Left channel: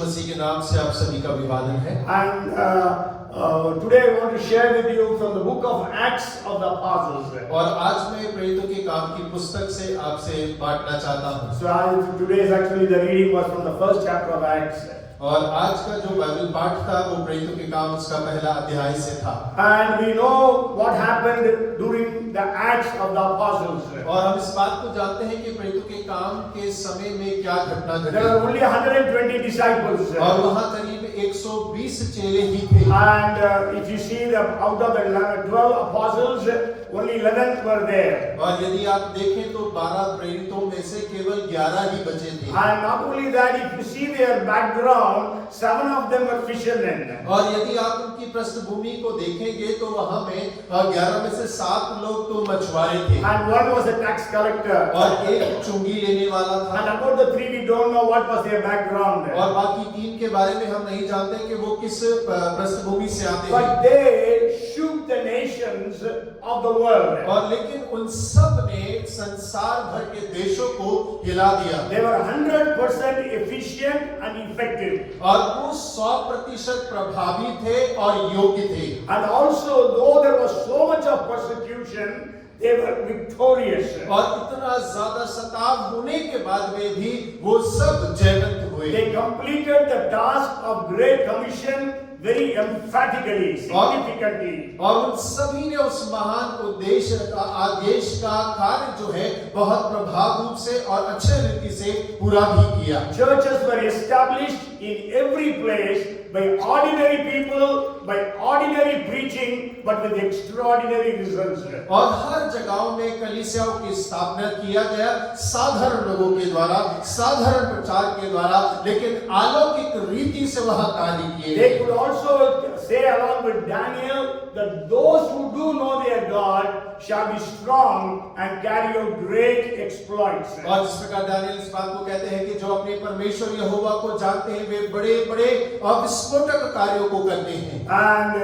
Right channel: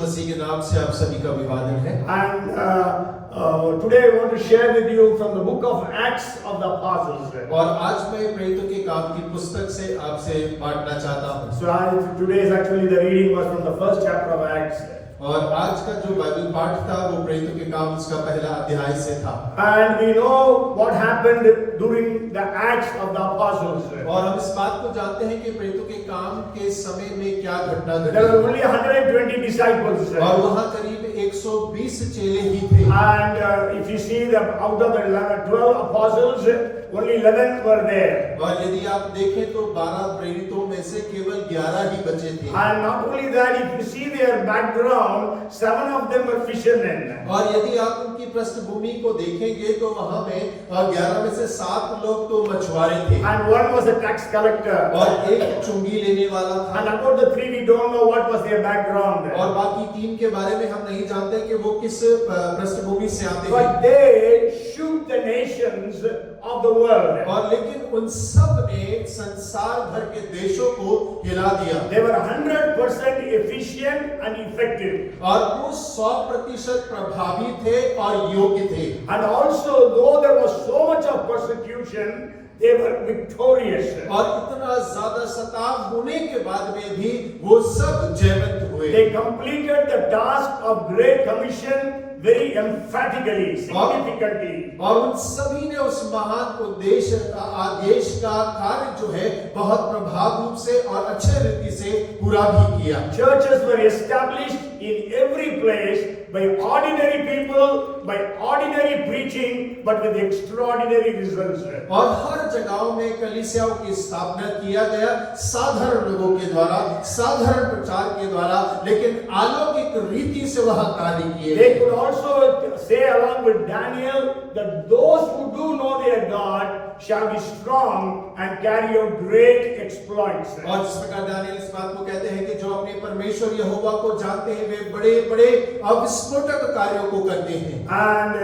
यीशु मसीह के नाम से आप सभी का अभिवादन है। And today I want to share with you from the book of Acts of the Apostles. और आज मैं प्रेरितों के काम की पुस्तक से आपसे बांटना चाहता हूँ। So today's actually the reading was from the first chapter of Acts. और आज का जो बाइबल पाठ था वो प्रेरितों के काम उसका पहला अध्याय से था। And we know what happened during the Acts of the Apostles. और हम इस बात को जानते हैं कि प्रेरितों के काम के समय में क्या घटना घटी। There were only 120 disciples. और वहाँ करीब 120 चेले ही थे। And if you see that out of the 12 apostles, only 11 were there. और यदि आप देखें तो 12 प्रेरितों में से केवल 11 ही बचे थे। And not only that, if you see their background, 7 of them were fishermen. और यदि आप उनकी पृष्ठभूमि को देखेंगे तो वहाँ में 11 में से 7 लोग तो मछुआरे थे। And one was a tax collector. और एक चुंगी लेने वाला था। And about the 3 we don't know what was their background. और बाकी 3 के बारे में हम नहीं जानते कि वो किस पृष्ठभूमि से आते हैं। But they shook the nations of the world. और लेकिन उन सब ने संसार भर के देशों को हिला दिया। They were 100% efficient and effective. और वो 100% प्रभावी थे और योग्य थे। And also, though there was so much of persecution, they were victorious. और इतना ज्यादा सताव होने के बाद में भी वो सब जयवंत हुए। They completed the task of Great Commission very emphatically, significantly. और उन सभी ने उस महान उद्देश्य आदेश का कार्य जो है बहुत प्रभावी रूप से और अच्छे रीति से पूरा भी किया। Churches were established in every place by ordinary people, by ordinary preaching, but with extraordinary results. और हर जगहों में कलीसियाओं की स्थापना किया गया साधारण लोगों के द्वारा, साधारण प्रचार के द्वारा, लेकिन अलौकिक रीति से वह कार्य किए। They could also say along with Daniel that those who do know their God shall be strong and carry out great exploits. और जिस प्रकार दानियल इस बात को कहते हैं कि जो अपने परमेश्वर यहोवा को जानते हैं वे बड़े-बड़े विस्फोटक कार्यों को करते हैं। And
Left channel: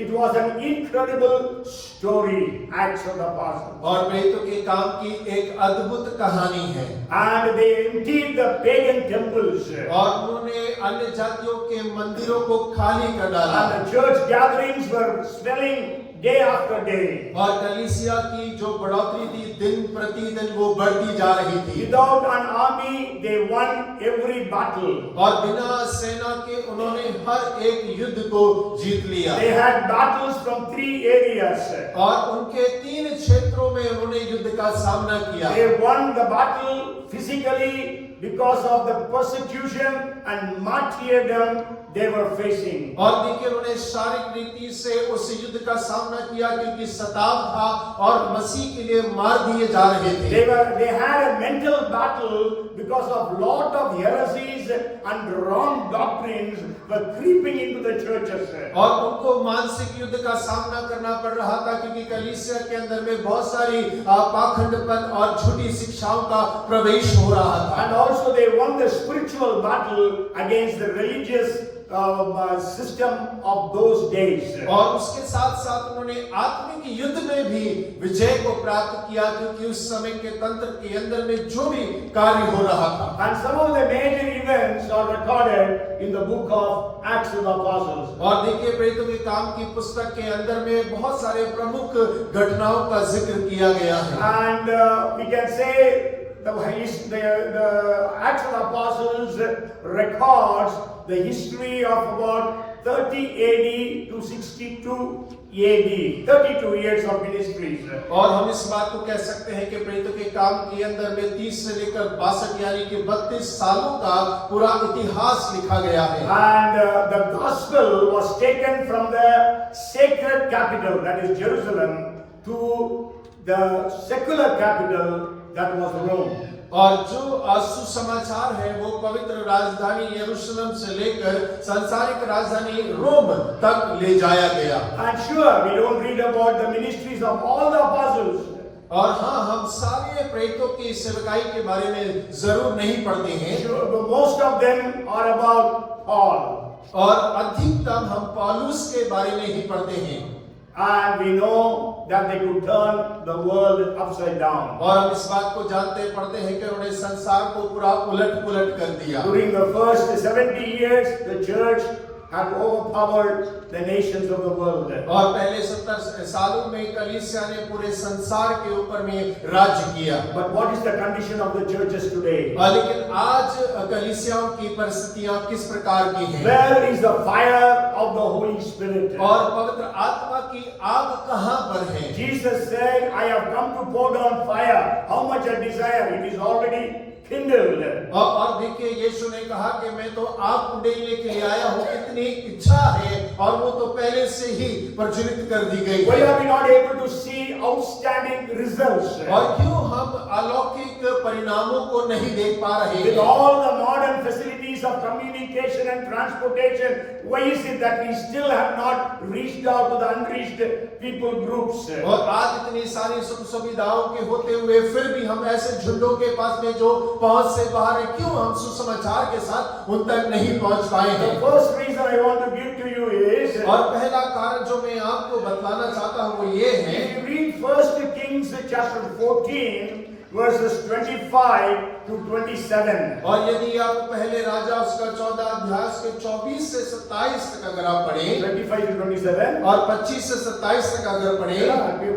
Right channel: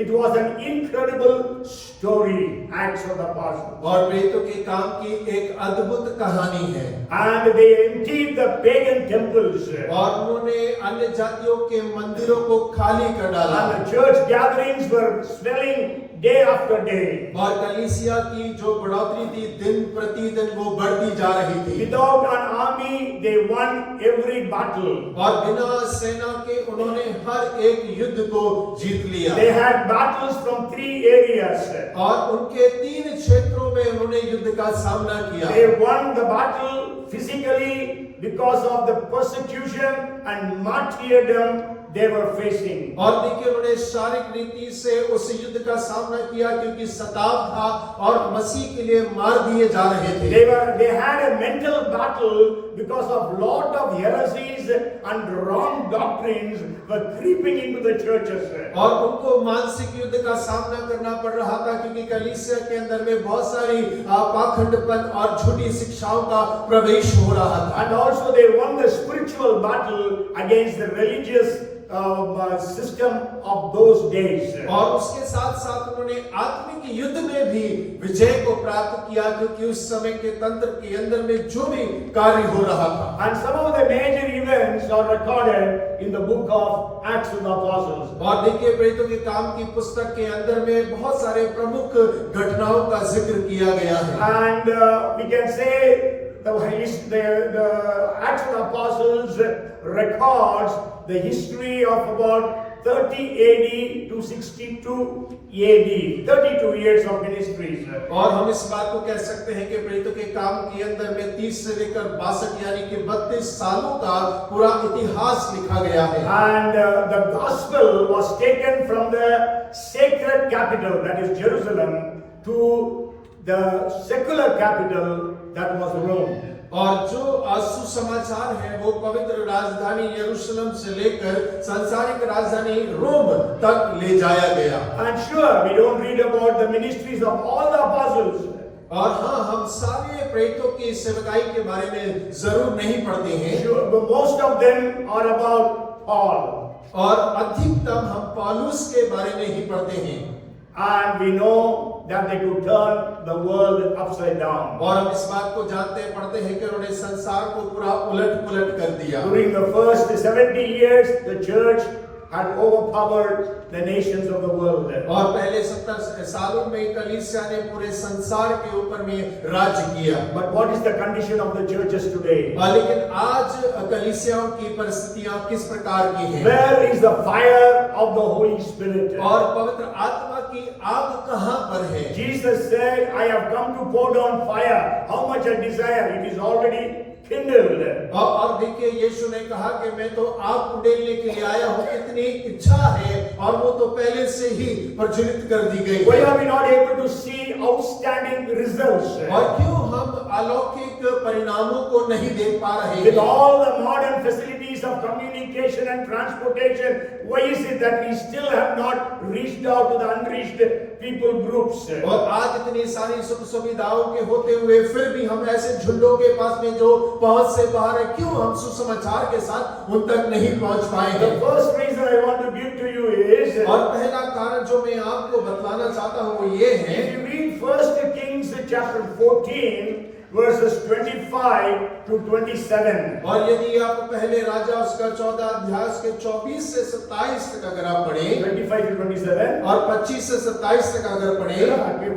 it was an incredible story, Acts of the Apostles. और प्रेरितों के काम की एक अद्भुत कहानी है। And they emptied the pagan temples. और उन्होंने अन्य जातियों के मंदिरों को खाली कर डाला। And the church gatherings were swelling day after day. और कलीसिया की जो बढ़ोतरी थी दिन प्रतिदिन वो बढ़ती जा रही थी। Without an army, they won every battle. और बिना सेना के उन्होंने हर एक युद्ध को जीत लिया। They had battles from 3 areas. और उनके 3 क्षेत्रों में उन्होंने युद्ध का सामना किया। They won the battle physically because of the persecution and martyrdom they were facing. और देखिए उन्होंने शारीरिक रीति से उस युद्ध का सामना किया क्योंकि सताव था और मसीह के लिए मार दिए जा रहे थे। They had a mental battle because of lot of heresies and wrong doctrines were creeping into the churches. और उनको मानसिक युद्ध का सामना करना पड़ रहा था क्योंकि कलीसिया के अंदर में बहुत सारी पाखंडपन और झूठी शिक्षाओं का प्रवेश हो रहा था। And also they won the spiritual battle against the religious system of those days. और उसके साथ साथ उन्होंने आत्मिक युद्ध में भी विजय को प्राप्त किया क्योंकि उस समय के तंत्र के अंदर में जो भी कार्य हो रहा था। And some of the major events are recorded in the book of Acts of the Apostles. और देखिए प्रेरितों के काम की पुस्तक के अंदर में बहुत सारे प्रमुख घटनाओं का जिक्र किया गया है। And we can say the Acts of the Apostles records the history of about 30 AD to 62 AD, 32 years of ministries. और हम इस बात को कह सकते हैं कि प्रेरितों के काम के अंदर में 30 से लेकर 62 यानी कि 32 सालों का पूरा इतिहास लिखा गया है। And the gospel was taken from the sacred capital, that is Jerusalem, to the secular capital, that was Rome. और जो सुसमाचार है वो पवित्र राजधानी यरूशलेम से लेकर सांसारिक राजधानी रोम तक ले जाया गया। And sure, we don't read about the ministries of all the apostles. और हाँ, हम सारे प्रेरितों की सेवकाई के बारे में जरूर नहीं पढ़ते हैं। Sure, but most of them are about Paul. और अधिकतम हम पौलुस के बारे में ही पढ़ते हैं। and we know that they could turn the world upside down. और हम इस बात को जानते पढ़ते हैं कि उन्होंने संसार को पूरा उलट पुलट कर दिया। During the first 70 years, the church had overpowered the nations of the world. और पहले 70 सालों में कलीसिया ने पूरे संसार के ऊपर में राज्य किया। But what is the condition of the churches today? लेकिन आज कलीसियाओं की परिस्थितियां किस प्रकार की हैं? Where is the fire of the Holy Spirit? और पवित्र आत्मा की आग कहां पर है? Jesus said, I have come to pour down fire. How much I desire, it is already kindled. और देखिए यीशु ने कहा कि मैं तो आग उंडेलने के लिए आया हूं, कितनी इच्छा है और वो तो पहले से ही प्रज्वलित कर दी गई Why है। are we not able to see outstanding results? और क्यों हम अलौकिक परिणामों को नहीं देख पा रहे With हैं? all the modern facilities of communication and transportation, why is it that we still have not reached out to the unreached people groups? और आज इतनी सारी सुख सुविधाओं के होते हुए फिर भी हम ऐसे झुंडों के पास में जो पहुंच से बाहर है, क्यों हम सुसमाचार के साथ उन तक नहीं पहुंच पाए हैं? The first reason I want to give to you is, और पहला कारण जो मैं आपको बतलाना चाहता हूं वो ये है, if you read 1 Kings chapter 14, verses 25 to 27. और यदि आप पहले राजा उसका 14 अध्याय के 24 से 27 तक अगर आप पढ़ें 25 to 27. और 25 से 27 तक अगर पढ़ें,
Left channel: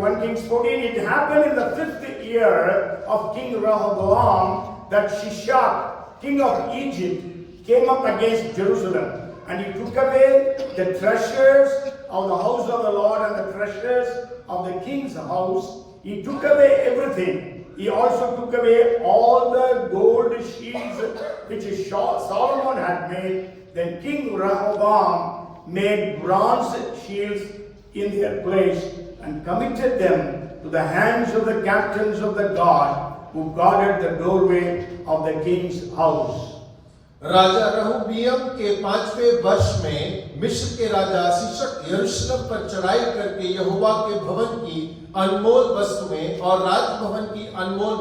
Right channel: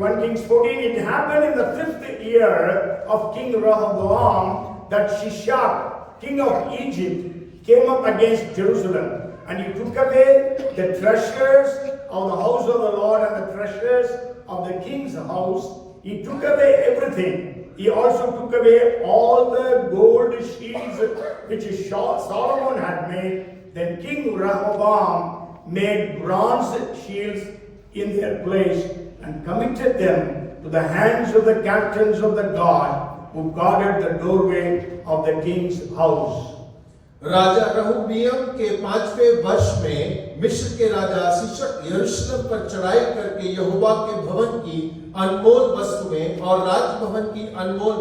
1 Kings 14, it happened in the 5th year of King Rehoboam that Shishak, king of Egypt, came up against Jerusalem, and he took away the treasures of the house of the Lord and the treasures of the king's house. He took away everything. He also took away all the gold shields which Solomon had made. Then King Rehoboam made bronze shields in their place and committed them to the hands of the captains of the guard who guarded the doorway of the king's house. राजा रहोबियम के 5वें वर्ष में मिस्र के राजा शीशक यरूशलेम पर चढ़ाई करके यहोवा के भवन की अनमोल वस्तुएं और राजभवन की अनमोल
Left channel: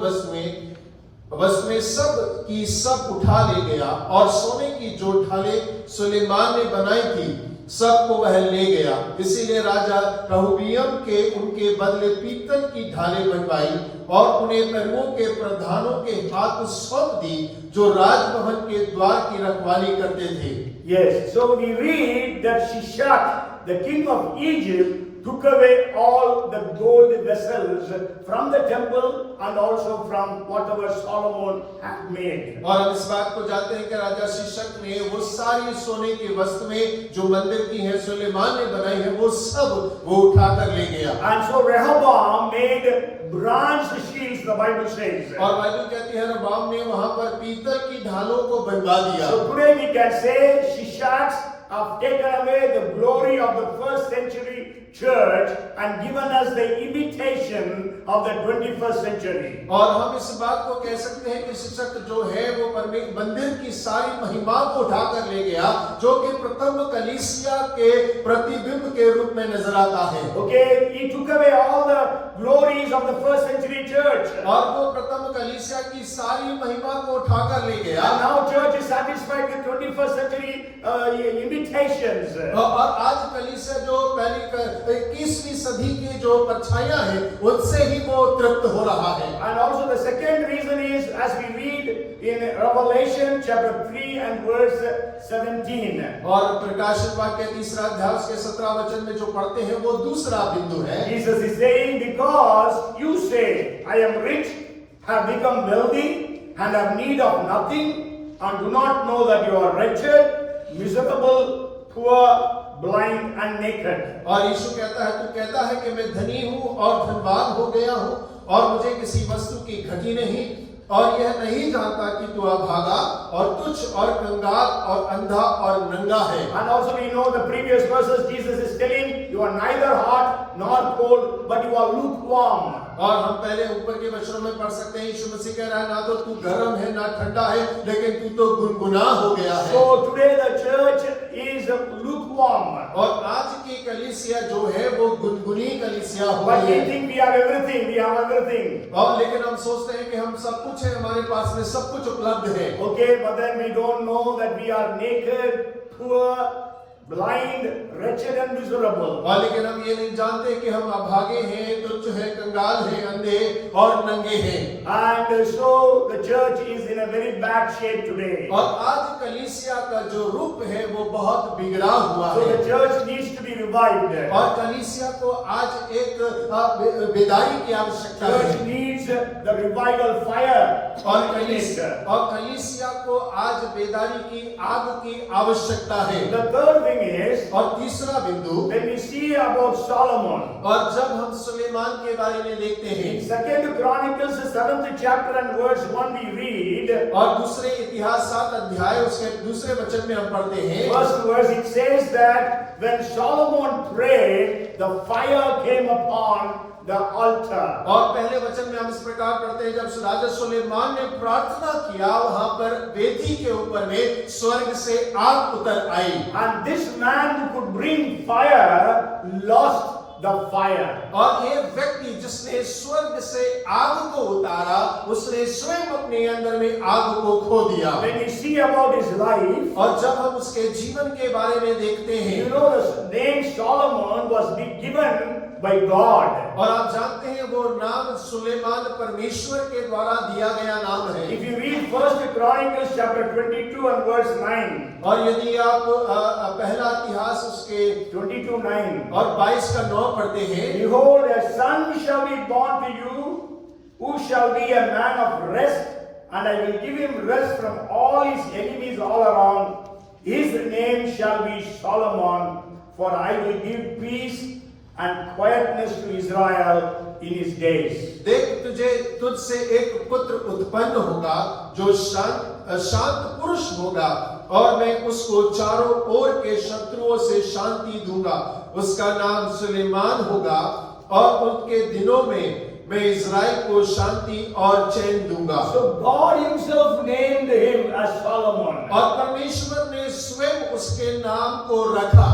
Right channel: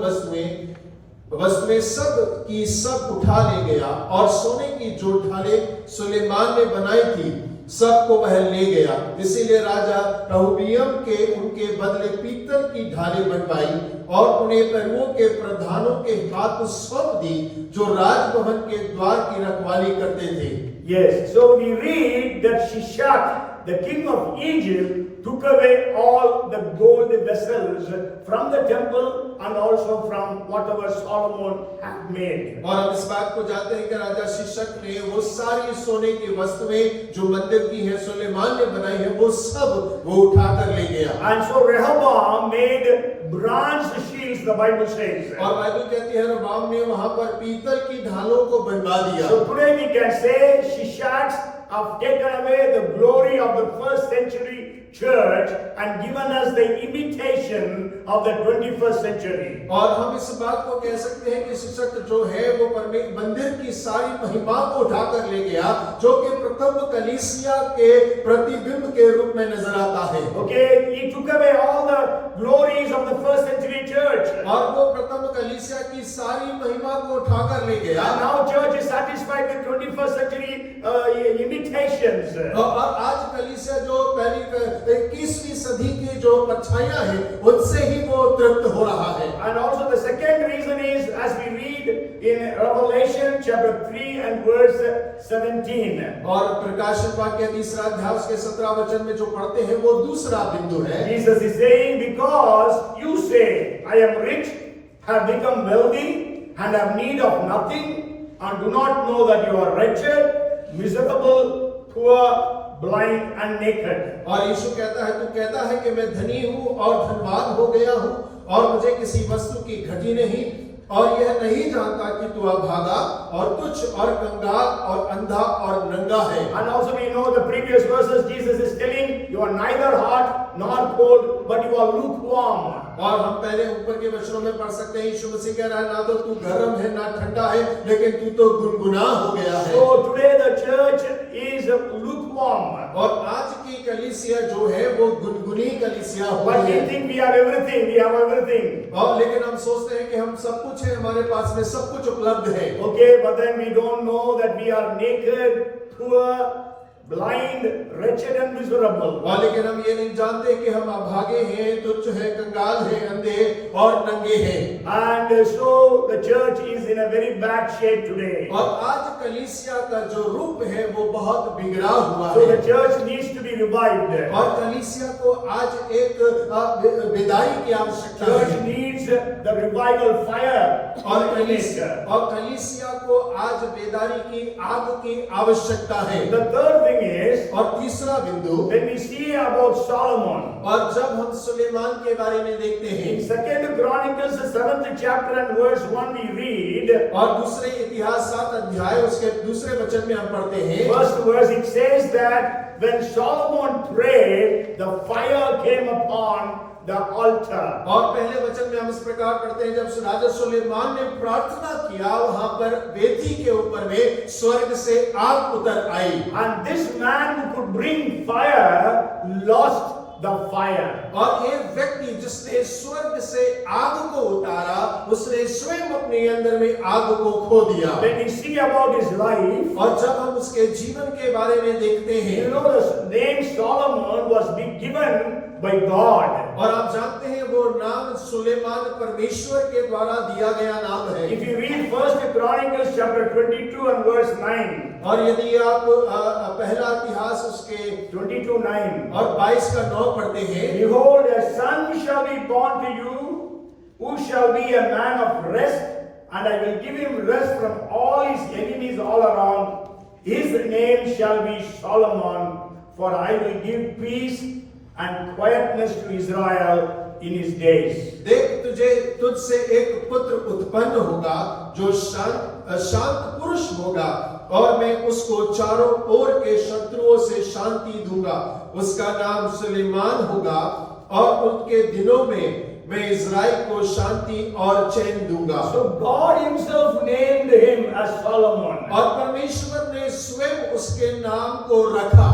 वस्तुएं सब की सब उठा ले गया, और सोने की जो ढालें सुलेमान ने बनाई थी सबको वह ले गया। इसीलिए राजा रहोबियम के उनके बदले पीतल की ढालें बनवाई और उन्हें प्रभुओं के प्रधानों के हाथ सौंप दी जो राजभवन के द्वार की रखवाली करते थे। Yes, so we read that Shishak, the king of Egypt, took away all the gold vessels from the temple and also from whatever Solomon had made. और हम इस बात को जानते हैं कि राजा शीशक ने वो सारी सोने की वस्तुएं जो मंदिर की हैं सुलेमान ने बनाई है वो सब वो उठाकर ले गया। And so Rehoboam made bronze shields, the Bible says. और बाइबल कहती है रहोबाम ने वहां पर पीतल की ढालों को बनवा दिया। So today we can say Shishaks have taken away the glory of the first century church and given us the imitation of the 21st century. और हम इस बात को कह सकते हैं कि शीशक जो है वो मंदिर की सारी महिमा को उठाकर ले गया जो कि प्रथम कलीसिया के प्रतिबिंब के रूप में नजर आता है। Okay, he took away all the glories of the first century church. और वो प्रथम कलीसिया की सारी महिमा को उठाकर ले गया। And now church is satisfied with 21st century imitations. और आज कलीसिया जो पहली 21वीं सदी की जो परछाइयां हैं उनसे ही वो तृप्त हो रहा है। And also the second reason is, as we read in Revelation chapter 3 and verse 17. और प्रकाशन वाक्य 3 अध्याय उसके 17 वचन में जो पढ़ते हैं वो दूसरा बिंदु है। Jesus is saying, because you say, I am rich, have become wealthy, and have need of nothing, and do not know that you are wretched, miserable, poor, blind and naked. और यीशु कहता है, तू कहता है कि मैं धनी हूँ और धनवान हो गया हूँ और मुझे किसी वस्तु की घटी नहीं, और यह नहीं जानता कि तू अभागा और तुच्छ और कंगाल और अंधा और नंगा है। And also we know the previous verses Jesus is telling, you are neither hot nor cold, but you are lukewarm. और हम पहले ऊपर के वचनों में पढ़ सकते हैं यीशु मसीह कह रहा है ना तो तू गर्म है ना ठंडा है लेकिन तू तो गुनगुना हो गया है। So today the church is lukewarm. और आज की कलीसिया जो है वो गुनगुनी कलीसिया हो But गई we है। think we have everything, we have everything. और लेकिन हम सोचते हैं कि हम सब कुछ है, हमारे पास में सब कुछ उपलब्ध है। Okay, but then we don't know that we are naked, poor, blind, wretched and miserable. और लेकिन हम ये नहीं जानते कि हम अभागे हैं, तुच्छ हैं, कंगाल हैं, अंधे और नंगे हैं। And so the church is in a very bad shape today. और आज कलीसिया का जो रूप है वो बहुत बिगड़ा हुआ So है। the church needs to be revived. और कलीसिया को आज एक बेदारी की आवश्यकता Church है। needs the revival fire. और कलीसिया को आज बेदारी की आग की आवश्यकता है। The third thing is, और तीसरा बिंदु, when we see about Solomon, और जब हम सुलेमान के बारे में देखते हैं, in 2 Chronicles 7th chapter and verse 1 we read, और दूसरे इतिहास 7 अध्याय उसके दूसरे वचन में हम पढ़ते हैं, first verse it says that when Solomon prayed, the fire came upon the altar. और पहले वचन में हम इस प्रकार पढ़ते हैं, जब राजा सुलेमान ने प्रार्थना किया, वहां पर वेदी के ऊपर में स्वर्ग से आग उतर आई। And this man who could bring fire lost the fire. और ये व्यक्ति जिसने स्वर्ग से आग को उतारा, उसने स्वयं अपने अंदर में आग को खो दिया। When we see about his life, और जब हम उसके जीवन के बारे में देखते हैं, you know the name Solomon was given by God. और आप जानते हैं वो नाम सुलेमान परमेश्वर के द्वारा दिया गया नाम है। If you read 1 Chronicles chapter 22 and verse 9, और यदि आप पहला इतिहास उसके 22:9, और 22 का 9 पढ़ते हैं, behold, a son shall be born to you, who shall be a man of rest, and I will give him rest from all his enemies all around. His name shall be Solomon, for I will give peace and quietness to Israel in his days. देख तुझसे एक पुत्र उत्पन्न होगा जो शांत पुरुष होगा, और मैं उसको चारों ओर के शत्रुओं से शांति दूंगा। उसका नाम सुलेमान होगा, और उनके दिनों में मैं इज़राइल को शांति और चैन दूंगा। So God himself named him as Solomon. और परमेश्वर ने स्वयं उसके नाम को रखा।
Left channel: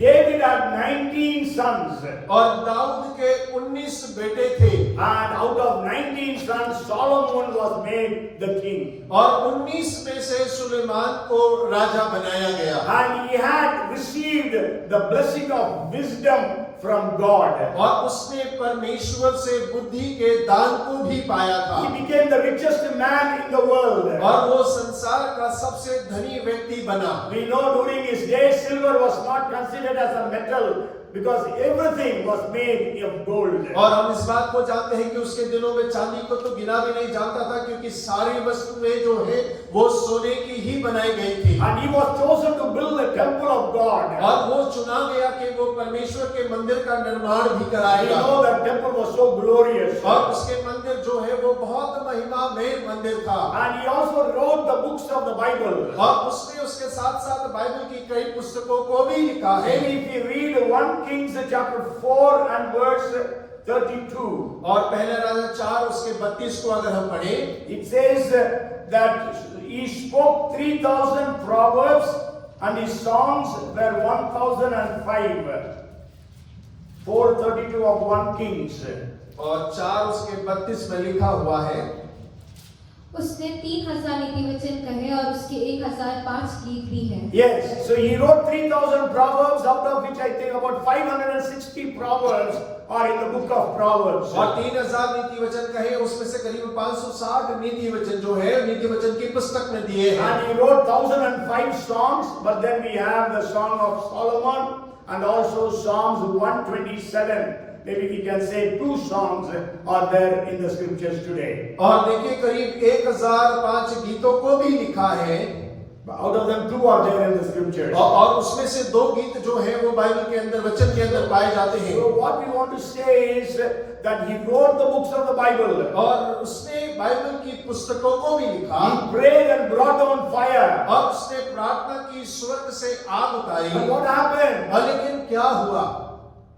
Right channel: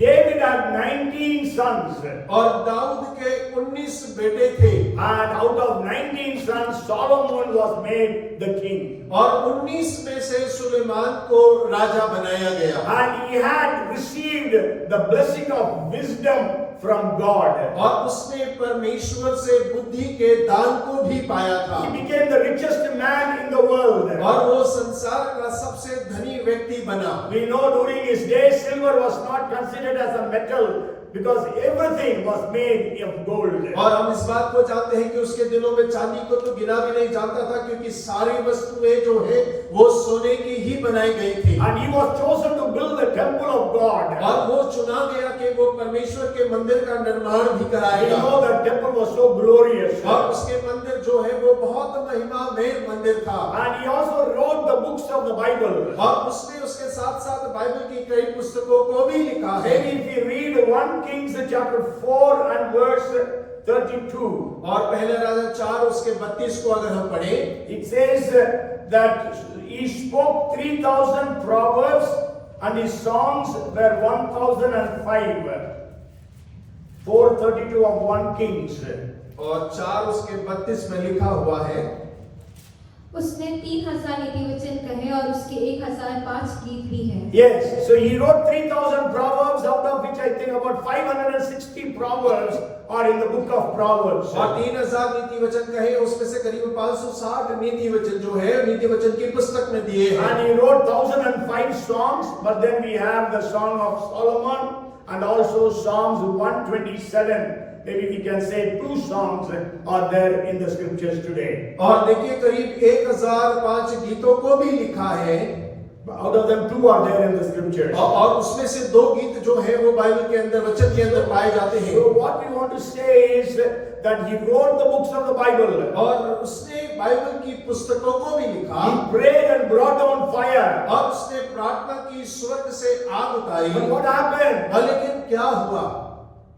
David had 19 sons, और दाऊद के 19 बेटे थे, and out of 19 sons Solomon was made the king. और 19 में से सुलेमान को राजा बनाया गया। And he had received the blessing of wisdom from God. और उसने परमेश्वर से बुद्धि के दान को भी पाया था। He became the richest man in the world. और वो संसार का सबसे धनी व्यक्ति बना। We know during his days silver was not considered as a metal, because everything was made of gold. और हम इस बात को जानते हैं कि उसके दिनों में चांदी को तो गिना भी नहीं जानता था, क्योंकि सारी वस्तुएं जो है वो सोने की ही बनाई गई थी। And he was chosen to build the temple of God. और वो चुना गया कि वो परमेश्वर के मंदिर का निर्माण भी You कराएगा। know that temple was so glorious. और उसके मंदिर जो है वो बहुत महिमामय मंदिर था। And he also wrote the books of the Bible. और उसने उसके साथ साथ बाइबल की कई पुस्तकों को भी लिखा है। Maybe if you read 1 Kings chapter 4 and verse 32, और पहले राजा 4 उसके 32 को अगर हम पढ़ें, it says that he spoke 3,000 proverbs and his songs were 1,005. 4:32 of 1 Kings. और 4 उसके 32 में लिखा हुआ है, उसने 3,000 नीति वचन कहे और उसके 1,005 गीत भी हैं। Yes, so he wrote 3,000 proverbs, out of which I think about 560 proverbs are in the book of Proverbs. और 3,000 नीति वचन कहे, उसमें से करीब 560 नीति वचन जो है नीति वचन की पुस्तक में दिए हैं। And he wrote 1,005 songs, but then we have the Song of Solomon and also Psalms 127. Maybe we can say 2 songs are there in the scriptures today. और देखिए करीब 1,005 गीतों को भी लिखा है। Out of them 2 are there in the scriptures. और उसमें से 2 गीत जो है वो बाइबल के अंदर, वचन के अंदर पाए जाते हैं। So what we want to say is that he wrote the books of the Bible. और उसने बाइबल की पुस्तकों को भी लिखा। He prayed and brought down fire. और उसने प्रार्थना की, स्वर्ग से आग उतारी। But what happened? लेकिन क्या हुआ?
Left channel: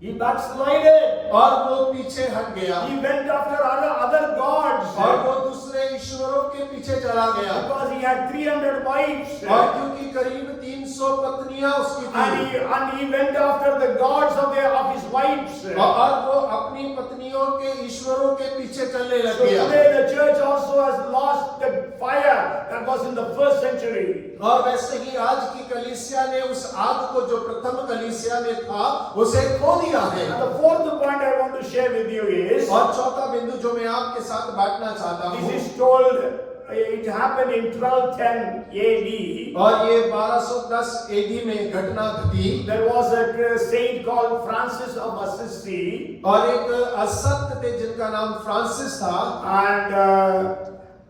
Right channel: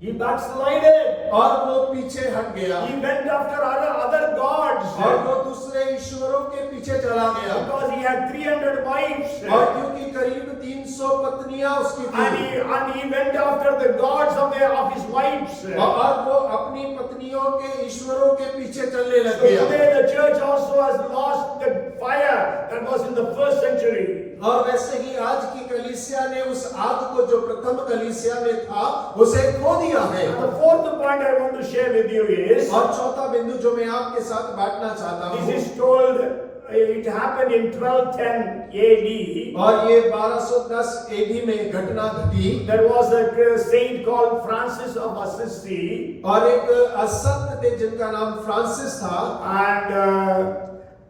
He backslided. और वो पीछे हट गया He went after other gods और वो दूसरे ईश्वरों के पीछे चला गया because he had 300 wives. और क्योंकि करीब 300 पत्नियां उसकी थी And he went after the gods of his wives. और वो अपनी पत्नियों के ईश्वरों के पीछे चलने So लग गया today the church also has lost the fire that was in the first century. और वैसे ही आज की कलीसिया ने उस आग को जो प्रथम कलीसिया में था उसे खो दिया है And the fourth point I want to share with you is, और चौथा बिंदु जो मैं आपके साथ बांटना चाहता this हूँ is told, it happened in 1210 AD. और ये 1210 एडी में घटना घटी There was a saint called Francis of Assisi, और एक असंत थे जिनका नाम फ्रांसिस था and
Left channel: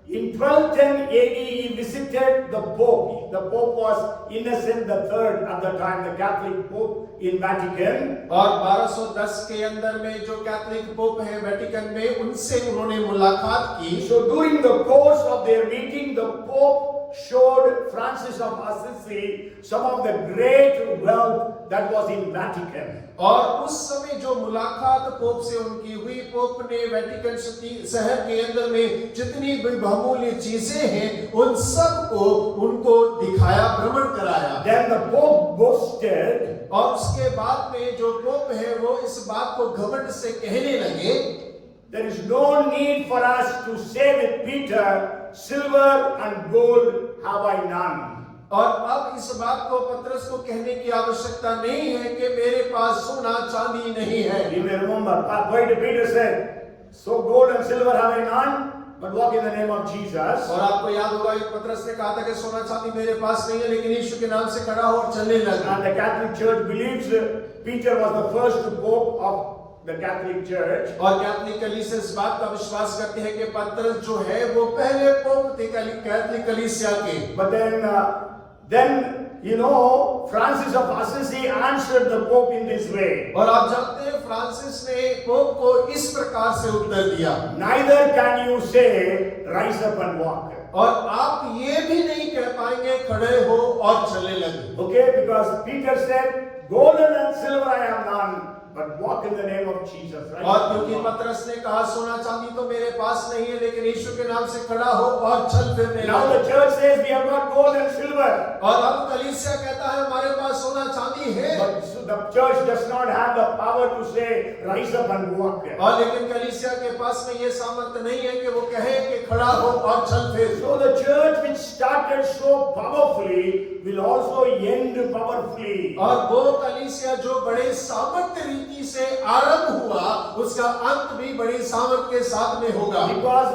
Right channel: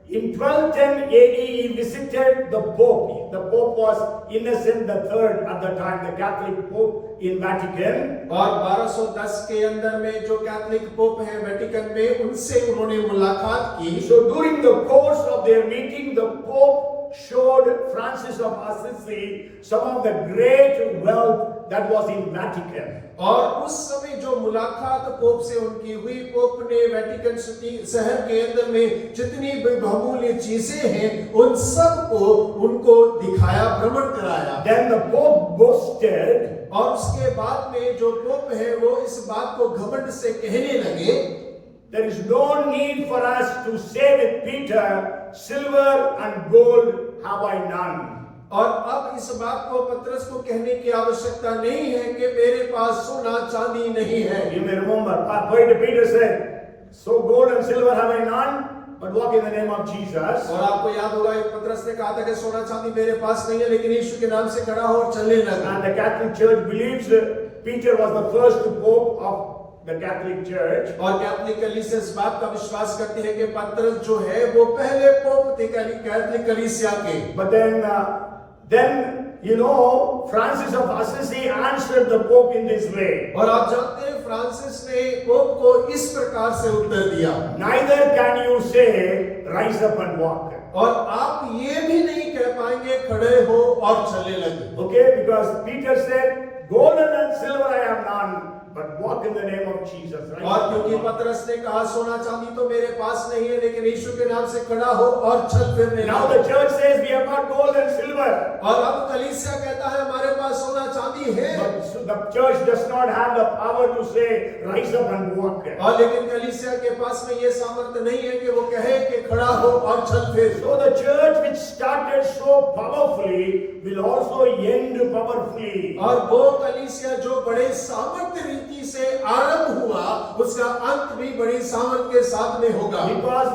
in 1210 AD he visited the Pope. The Pope was Innocent III at the time, the Catholic Pope in Vatican. और 1210 के अंदर में जो कैथोलिक पोप है वेटिकन में उनसे उन्होंने मुलाकात की So during the course of their meeting, the Pope showed Francis of Assisi some of the great wealth that was in Vatican. और उस समय जो मुलाकात पोप से उनकी हुई पोप ने वेटिकन सिटी शहर के अंदर में जितनी भी बहुमूल्य चीजें हैं उन सब को उनको दिखाया भ्रमण कराया Then the Pope boasted, और उसके बाद में जो पोप है वो इस बात को घमंड से कहने लगे there is no need for us to say with Peter, silver and gold have I none. और अब इस बात को पतरस को कहने की आवश्यकता नहीं है कि मेरे पास सोना चांदी नहीं है You may remember, why did Peter say, so gold and silver have I none, but walk in the name of Jesus. और आपको याद होगा एक पतरस ने कहा था कि सोना चांदी मेरे पास नहीं है लेकिन यीशु के नाम से खड़ा हो और चलने लगा And the Catholic Church believes Peter was the first pope of the Catholic Church. और कैथोलिक कलीसिया इस बात का विश्वास करते हैं कि पतरस जो है वो पहले पोप थे कैथोलिक कलीसिया के But then you know, Francis of Assisi answered the Pope in this way. और आप जानते हैं फ्रांसिस ने पोप को इस प्रकार से उत्तर दिया Neither can you say, rise up and walk. और आप ये भी नहीं कह पाएंगे खड़े हो और चलने लगे Okay, because Peter said, golden and silver I have none, but walk in the name of Jesus. Right? और क्योंकि पतरस ने कहा सोना चांदी तो मेरे पास नहीं है लेकिन यीशु के नाम से खड़ा हो और चल फिरने Now लगे the church says we have got gold and silver. और अब कलीसिया कहता है हमारे पास सोना चांदी है But the church does not have the power to say, rise up and walk. और लेकिन कलीसिया के पास में ये सामर्थ्य नहीं है कि वो कहे कि खड़ा हो और चल फिर So the church which started so powerfully will also end powerfully. और वो कलीसिया जो बड़े सामर्थ्य रीति से आरंभ हुआ उसका अंत भी बड़ी सामर्थ्य के साथ में होगा Because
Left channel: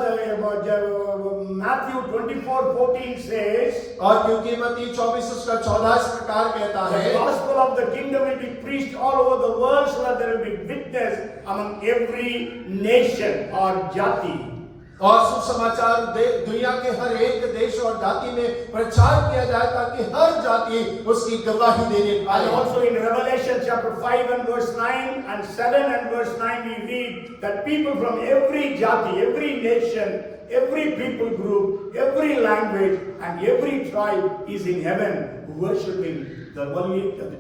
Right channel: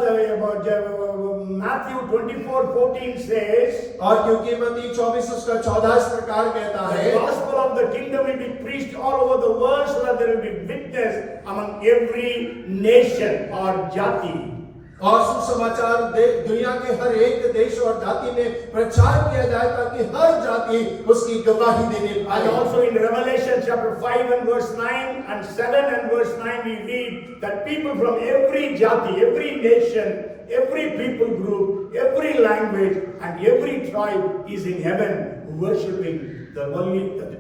Matthew 24:14 says, और क्योंकि मत्ती 24 उसका 14 इस प्रकार कहता the है gospel of the kingdom will be preached all over the world so that there will be witness among every nation or jati. और सुसमाचार दुनिया के हर एक देश और जाति में प्रचार किया जाए ताकि हर जाति उसकी गवाही देने And पाए also in Revelation chapter 5 and verse 9 and 7 and verse 9 we read that people from every jati, every nation, every people group, every language and every tribe is in heaven worshiping the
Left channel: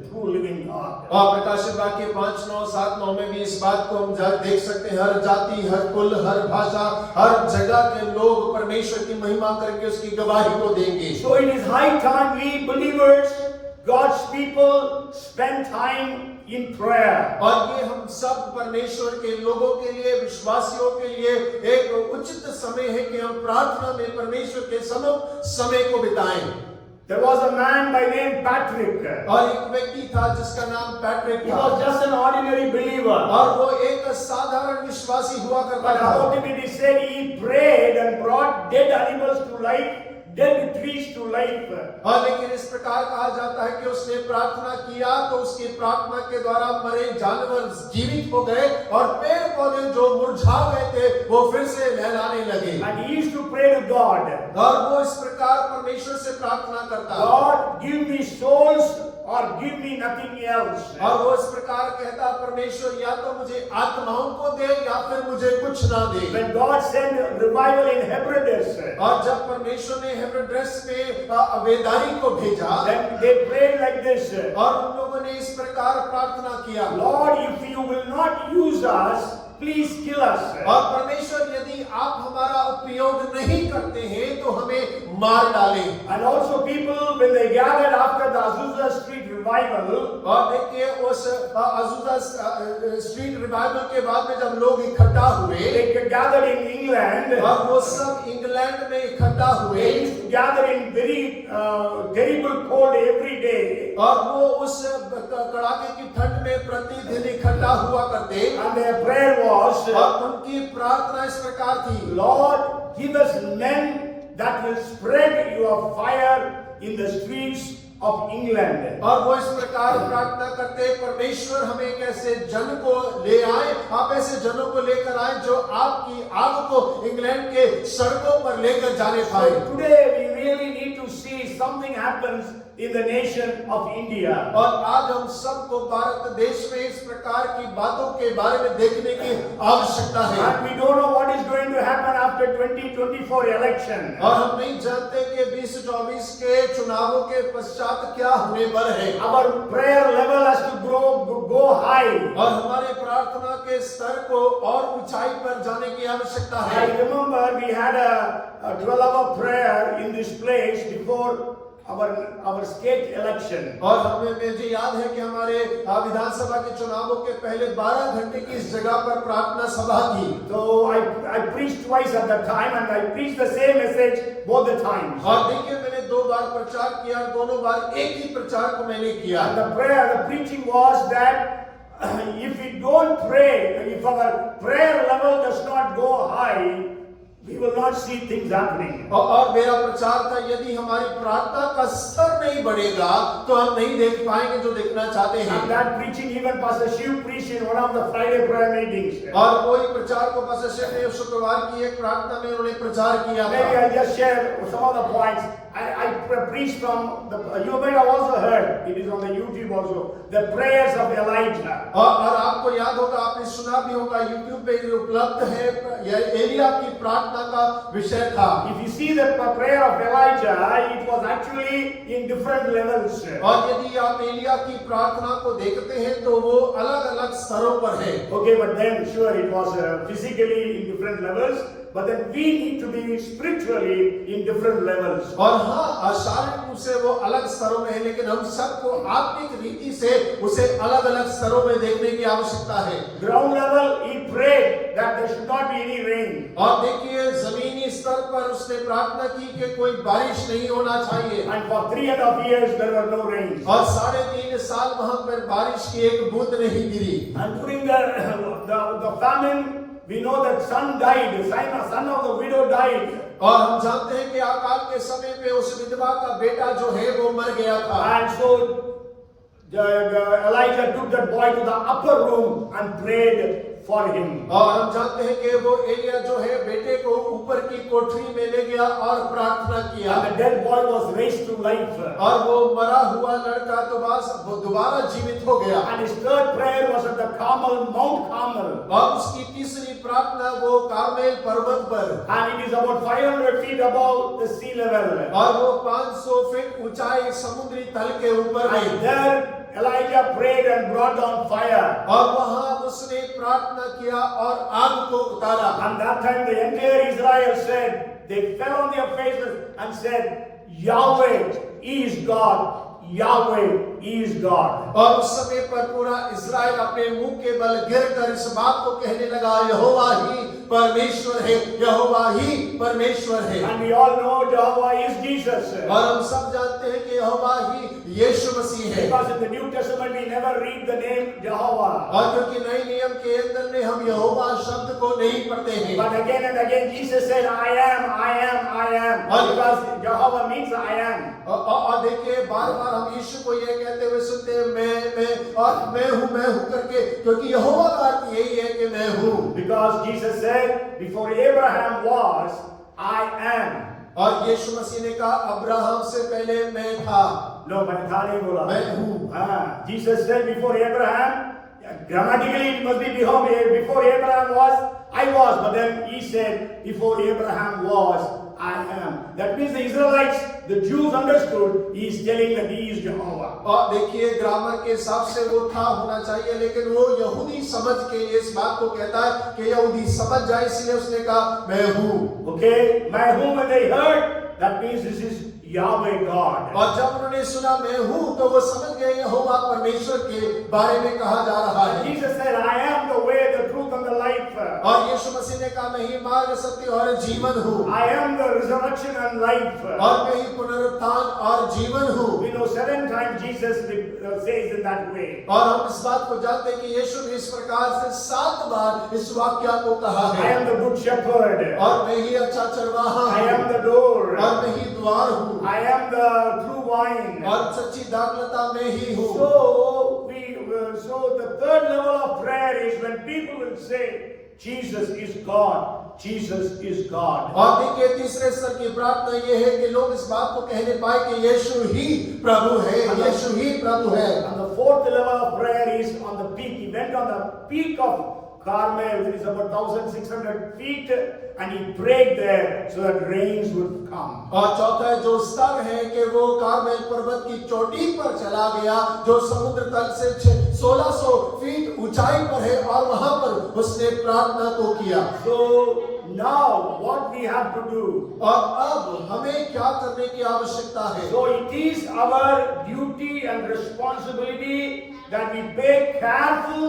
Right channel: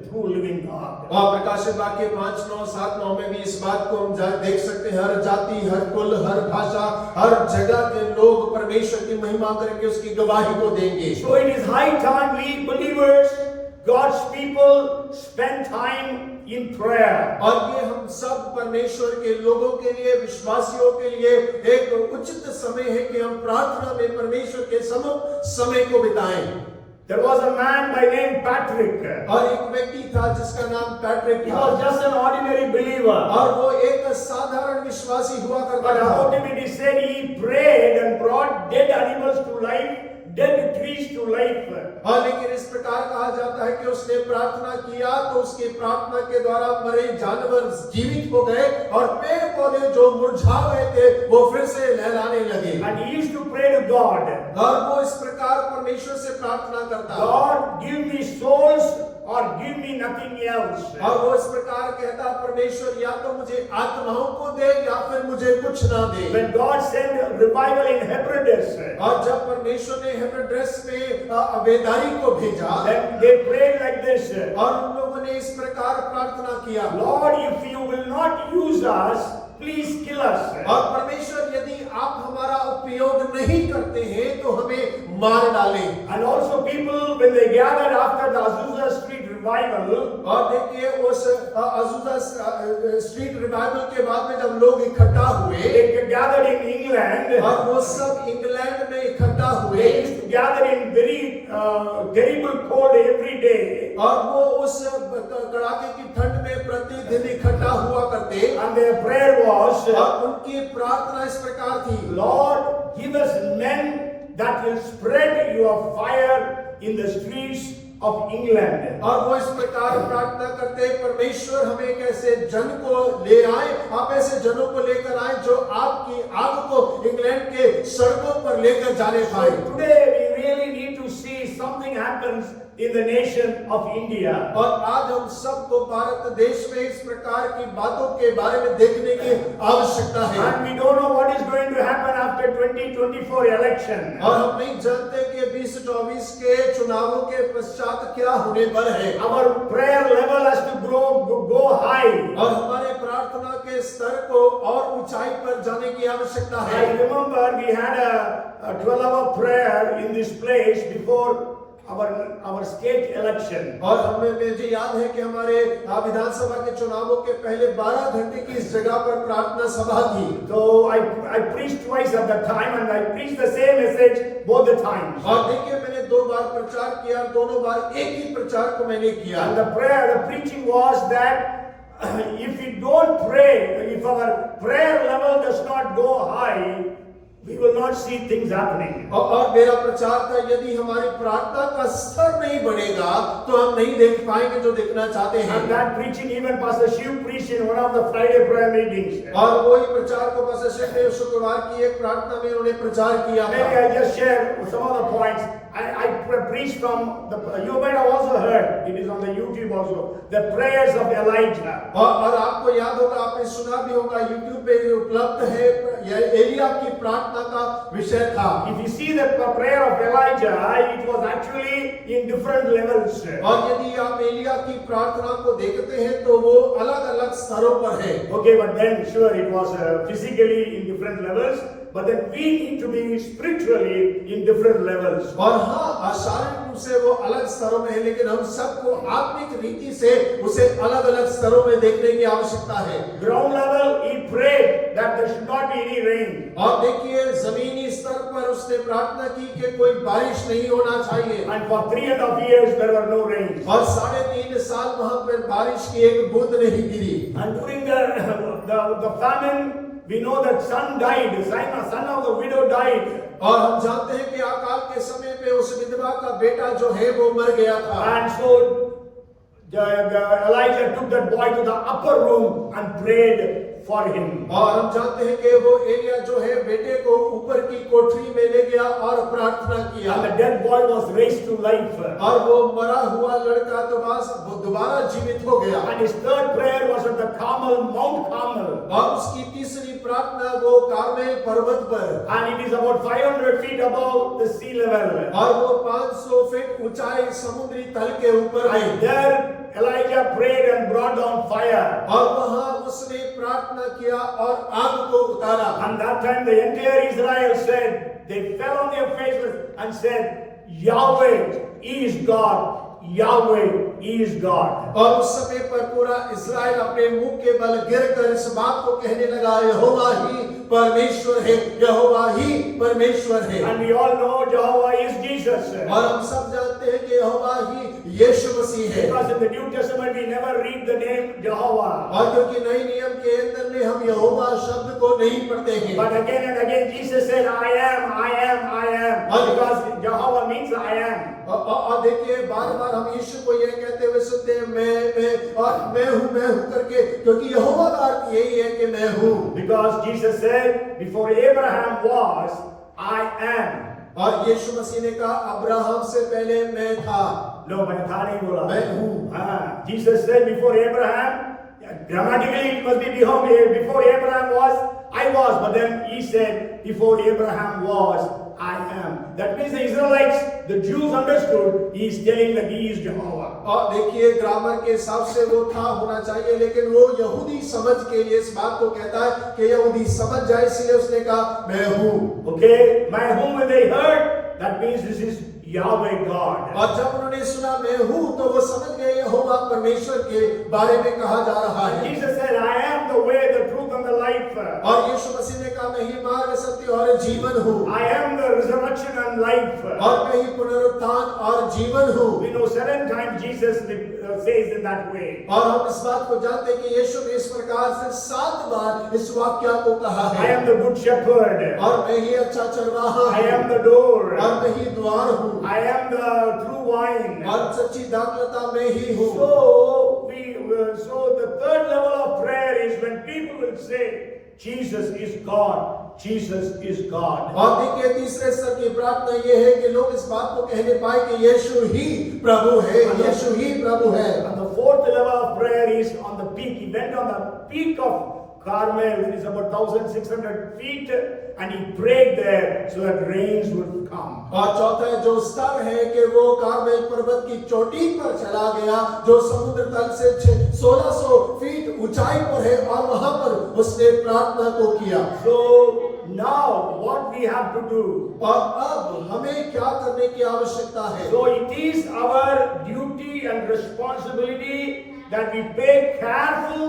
true living God. और प्रकाशित वाक्य 5, 9, 7, 9 में भी इस बात को हम देख सकते हैं हर जाति हर कुल हर भाषा हर जगह के लोग परमेश्वर की महिमा करके उसकी गवाही को देंगे So it is high time we believers, God's people, spend time in prayer. और ये हम सब परमेश्वर के लोगों के लिए विश्वासियों के लिए एक उचित समय है कि हम प्रार्थना में परमेश्वर के सम्मुख समय को बिताएं There was a man by name Patrick. और एक व्यक्ति था जिसका नाम पैट्रिक He था was just an ordinary believer. और वो एक साधारण विश्वासी हुआ But करता था about him it is said he prayed and brought dead animals to life, dead trees to life. और लेकिन इस प्रकार कहा जाता है कि उसने प्रार्थना किया तो उसकी प्रार्थना के द्वारा मरे जानवर जीवित हो गए और पेड़ पौधे जो मुरझा गए थे वो फिर से लहराने लगे And he used to pray to God, और वो इस प्रकार परमेश्वर से प्रार्थना करता God, give me souls or give me nothing else. और वो इस प्रकार कहता, परमेश्वर या तो मुझे आत्माओं को दे या फिर मुझे कुछ ना दे। When God sent revival in Hebrides, और जब परमेश्वर ने हेब्रेड्रेस में अबेदारी को भेजा, then they prayed like this. और उन लोगों ने इस प्रकार प्रार्थना किया, Lord, if you will not use us, please kill us. और परमेश्वर यदि आप हमारा उपयोग नहीं करते हैं तो हमें मार डालें। And also people, when they gathered after the Azusa Street revival, और देखिए उस अज़ूज़ा स्ट्रीट रिवाइवल के बाद में जब लोग इकट्ठा हुए, they gathered in England. और वो सब इंग्लैंड में इकट्ठा हुए, They used to gather in very terrible cold every day. और वो उस कड़ाके की ठंड में प्रतिदिन इकट्ठा हुआ करते, And their prayer was, और उनकी प्रार्थना इस प्रकार थी, Lord, give us men that will spread your fire in the streets of England. और वो इस प्रकार प्रार्थना करते, परमेश्वर हमें एक ऐसे जन को ले आए, आप ऐसे जनों को लेकर आए जो आपकी आग को इंग्लैंड के सड़कों पर लेकर जाने पाए। Today we really need to see something happens in the nation of India. और आज हम सबको भारत देश में इस प्रकार की बातों के बारे में देखने की आवश्यकता है। And we don't know what is going to happen after 2024 election. और हम नहीं जानते कि 2024 के चुनावों के पश्चात क्या होने पर है। Our prayer level has to go high. और हमारे प्रार्थना के स्तर को और ऊंचाई पर जाने की आवश्यकता है। I remember we had a 12-hour prayer in this place before our state election. और मुझे याद है कि हमारे विधानसभा के चुनावों के पहले 12 घंटे की इस जगह पर प्रार्थना सभा थी। So I preached twice at that time, and I preached the same message both the times. और देखिए मैंने 2 बार प्रचार किया, दोनों बार एक ही प्रचार को मैंने किया। And the preaching was that if we don't pray, if our prayer level does not go high, we will not see things happening. और मेरा प्रचार था, यदि हमारी प्रार्थना का स्तर नहीं बढ़ेगा तो हम नहीं देख पाएंगे जो देखना चाहते हैं। And that preaching even Pastor Shiv preached in one of the Friday prayer meetings. और वही प्रचार को पास्टर शिव ने शुक्रवार की एक प्रार्थना में उन्हें प्रचार किया Maybe था। I just share some of the points. I preached from you might have also heard, it is on the YouTube also, the prayers of Elijah. और आपको याद होगा, आपने सुना भी होगा, YouTube पे उपलब्ध है, यह एलिया की प्रार्थना का विषय था। If you see the prayer of Elijah, it was actually in different levels. और यदि आप एलिया की प्रार्थना को देखते हैं तो वो अलग-अलग स्तरों पर है। Okay, but then sure it was physically in different levels, but then we need to be spiritually in different levels. और हाँ, शारीरिक रूप से वो अलग स्तरों में है, लेकिन हम सबको आत्मिक रीति से उसे अलग-अलग स्तरों में देखने की आवश्यकता है। Ground level, he prayed that there should not be any rain. और देखिए जमीनी स्तर पर उसने प्रार्थना की कि कोई बारिश नहीं होना चाहिए। And for 3.5 years there were no rains. और 3.5 साल वहां पर बारिश की एक बूंद नहीं गिरी। And during the famine, we know that son died, son of the widow died. और हम जानते हैं कि अकाल के समय पे उस विधवा का बेटा जो है वो मर गया था। And so Elijah took that boy to the upper room and prayed for him. और हम जानते हैं कि वो एलिया जो है बेटे को ऊपर की कोठरी में ले गया और प्रार्थना किया। And the dead boy was raised to life. और वो मरा हुआ लड़का तो बस वो दोबारा जीवित हो गया। And his third prayer was at the Carmel, Mount Carmel. और उसकी तीसरी प्रार्थना वो कार्मेल पर्वत पर, And it is about 500 feet above the sea level. और वो 500 फीट ऊंचाई समुद्री तल के ऊपर है। And there Elijah prayed and brought down fire. और वहां उसने प्रार्थना किया और आग को उतारा। And that time the entire Israel said, they fell on their faces and said, Yahweh is God. Yahweh is God. और उस समय पर पूरा इस्राएल अपने मुंह के बल गिरकर इस बात को कहने लगा, यहोवा ही परमेश्वर है, यहोवा ही परमेश्वर है। And we all know Jehovah is Jesus. और हम सब जानते हैं कि यहोवा ही यीशु मसीह है। Because in the New Testament we never read the name Jehovah. और क्योंकि नए नियम के अंदर में हम यहोवा शब्द को नहीं पढ़ते हैं। But again and again Jesus said, I am, I am, I am. Because Jehovah means I am. और देखिए बार-बार हम यीशु को यह कहते हुए सुनते हैं, मैं हूँ करके, क्योंकि यहोवा का अर्थ यही है कि मैं हूँ। Because Jesus said, before Abraham was, I am. और यीशु मसीह ने कहा अब्राहम से पहले मैं था। No, मैंने था नहीं बोला। मैं हूँ। हाँ, Jesus said before Abraham, grammatically it must be before Abraham was, I was, but then he said before Abraham was, I am. That means the Israelites, the Jews understood he is telling that he is Jehovah. और देखिए grammar के हिसाब से वो था होना चाहिए, लेकिन वो यहूदी समझ के लिए इस बात को कहता है कि यहूदी समझ जाए, इसलिए उसने कहा मैं हूँ। Okay, मैं हूँ when they heard, that means this is Yahweh God. और जब उन्होंने सुना मैं हूँ तो वो समझ गए यहोवा परमेश्वर के बारे में कहा जा रहा है। Jesus said, I am the way, the truth and the life. और यीशु मसीह ने कहा मैं ही मार्ग, सत्य और जीवन हूँ। I am the resurrection and life. और मैं ही पुनरुत्थान और जीवन हूँ। We know 7 times Jesus says in that way. और हम इस बात को जानते हैं कि यीशु ने इस प्रकार से 7 बार इस वाक्य को कहा I है। am the good shepherd. और मैं ही अच्छा चरवाहा I हूँ। am the door. और मैं ही द्वार हूँ। I am the true wine. और सच्ची दाखलता में ही हूँ। So the third level of prayer is when people will say, Jesus is God. Jesus is God. और देखिए तीसरे स्तर की प्रार्थना ये है कि लोग इस बात को कहने पाए कि यीशु ही प्रभु है, यीशु ही प्रभु है। And the fourth level of prayer is on the peak. He went on the peak of Carmel, which is about 1,600 feet, and he prayed there so that rains would come. और चौथा जो स्तर है कि वो कार्मेल पर्वत की चोटी पर चला गया, जो समुद्र तल से 1600 फीट ऊंचाई पर है, और वहां पर उसने प्रार्थना को किया। So now what we have to do? और अब हमें क्या करने की आवश्यकता है? So it is our duty and responsibility that we pay careful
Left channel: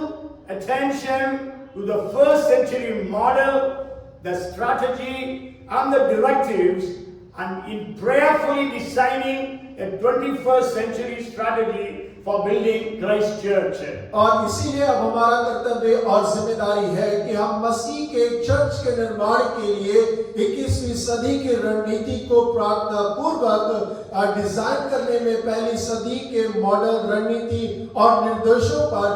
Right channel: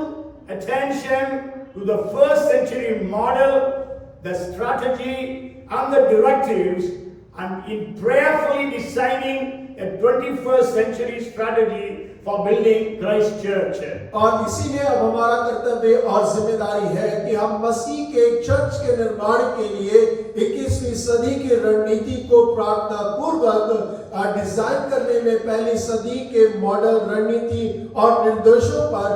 attention to the first century model, the strategy and the directives, and in prayerfully designing a 21st century strategy for building Christ Church. और इसीलिए अब हमारा कर्तव्य और जिम्मेदारी है कि हम मसीह के चर्च के निर्माण के लिए 21वीं सदी की रणनीति को प्रार्थना पूर्वक डिजाइन करने में पहली सदी के मॉडल, रणनीति और निर्देशों पर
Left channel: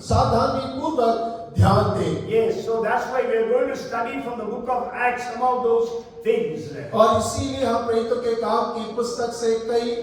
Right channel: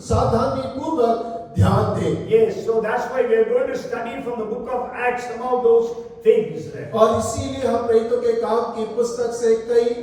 सावधानी पूर्वक ध्यान दें। Yes, so that's why we are going to study from the book of Acts some of those things. और इसीलिए हम प्रेरितों के काम की पुस्तक से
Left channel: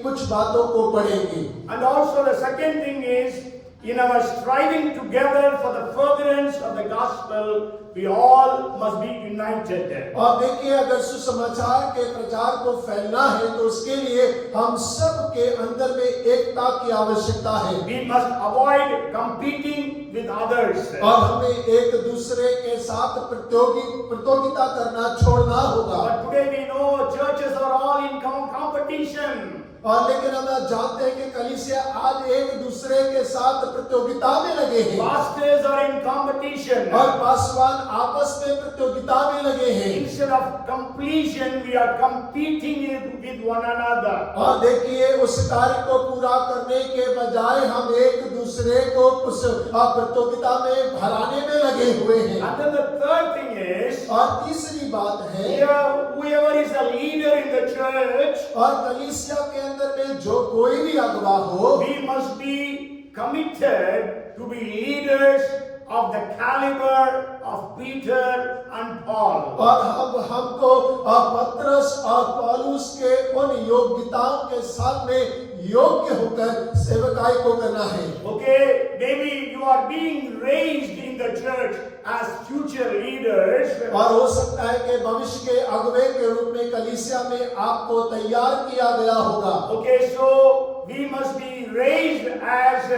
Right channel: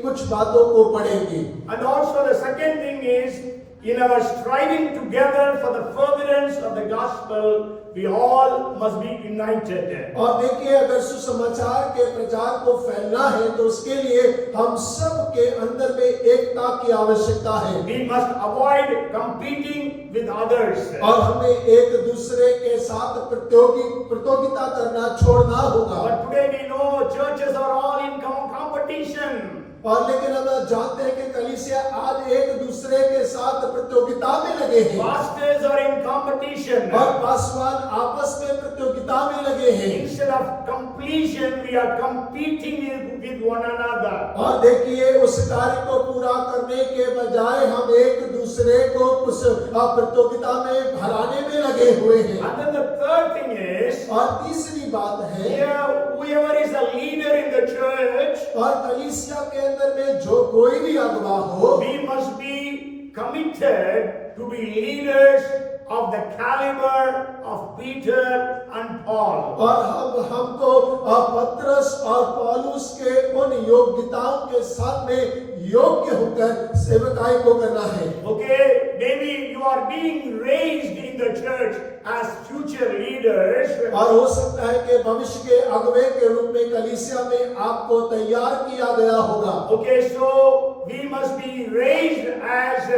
कुछ बातों को पढ़ेंगे। And also the second thing is, in our striving together for the furtherance of the gospel, we all must be united. और देखिए अगर सुसमाचार के प्रचार को फैलना है तो उसके लिए हम सब के अंदर में एकता की आवश्यकता है। We must avoid competing with others. और हमें एक दूसरे के साथ प्रतियोगिता करना छोड़ना होगा। But today we know churches are all in competition. और लेकिन हम जानते हैं कि कलीसिया आज एक दूसरे के साथ प्रतियोगिता में लगे हैं। Pastors are in competition. और पासवान आपस में प्रतियोगिता में लगे हैं। Instead of completion, we are competing with one another. और देखिए उस कार्य को पूरा करने के बजाय हम एक दूसरे को उस प्रतियोगिता में हराने में लगे हुए हैं। And then the third thing is, और तीसरी बात है whoever is a leader in the church, और कलीसिया के अंदर में जो कोई भी अगुवा हो, we must be committed to be leaders of the caliber of Peter and Paul. और हमको पतरस और पौलुस के उन योग्यताओं के साथ में योग्य होकर सेवकाई को करना है। Okay, maybe you are being raised in the church as future leaders. और हो सकता है कि भविष्य के अगुवे के रूप में कलीसिया में आपको तैयार किया गया होगा। Okay, so we must be raised as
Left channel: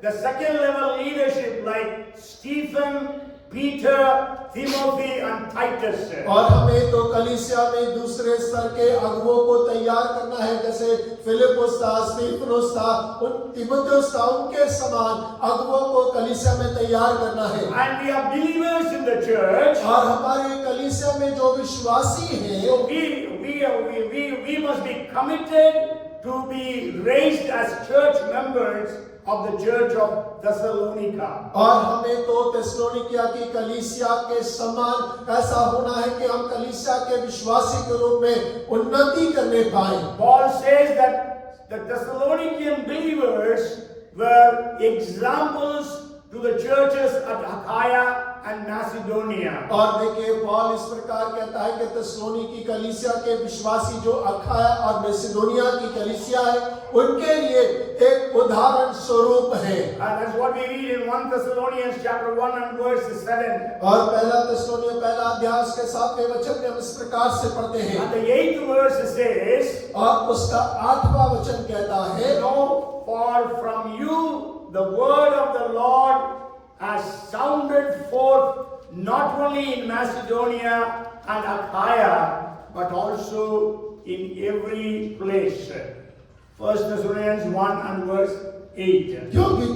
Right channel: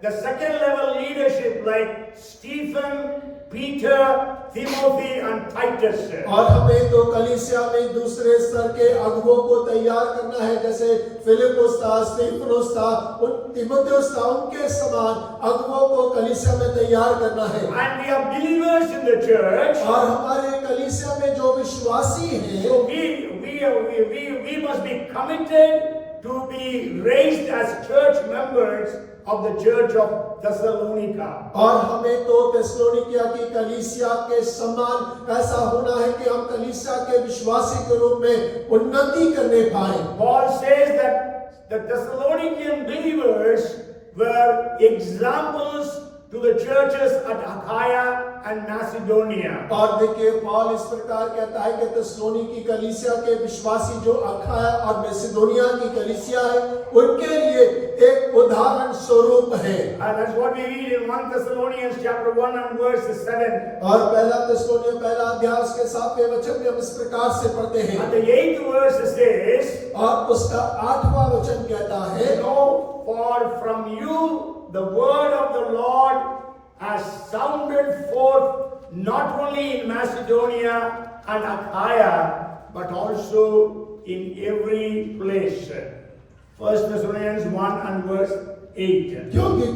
the second level leadership like Stephen, Peter, Timothy and Titus. और हमें तो कलीसिया में दूसरे स्तर के अगुवों को तैयार करना है, जैसे फिलिपुस था, स्टीफनुस था, तीमुथियुस था, उनके समान अगुवों को कलीसिया में तैयार करना है। And we are believers in the church. और हमारे कलीसिया में जो विश्वासी हैं, So we must be committed to be raised as church members of the church of Thessalonica. और हमें तो थिस्सलुनीकिया की कलीसिया के समान ऐसा होना है कि हम कलीसिया के विश्वासी के रूप में उन्नति करने पाए। Paul says that the Thessalonican believers were examples to the churches at Achaia and Macedonia. और देखिए पौल इस प्रकार कहता है कि थिस्सलुनी की कलीसिया के विश्वासी जो अखाया और मैसिडोनिया की कलीसिया है उनके लिए एक उदाहरण स्वरूप है। And that's what we read in 1 Thessalonians chapter 1 and verse 7. और पहला थिस्सलुनी पहला अध्याय उसके 7वें वचन में हम इस प्रकार से पढ़ते हैं And the 8th verse says, और उसका 8वां वचन कहता है, "No, for from you the word of the Lord has sounded forth not only in Macedonia and Achaia, but also in every place." 1 Thessalonians 1 and verse 8. क्योंकि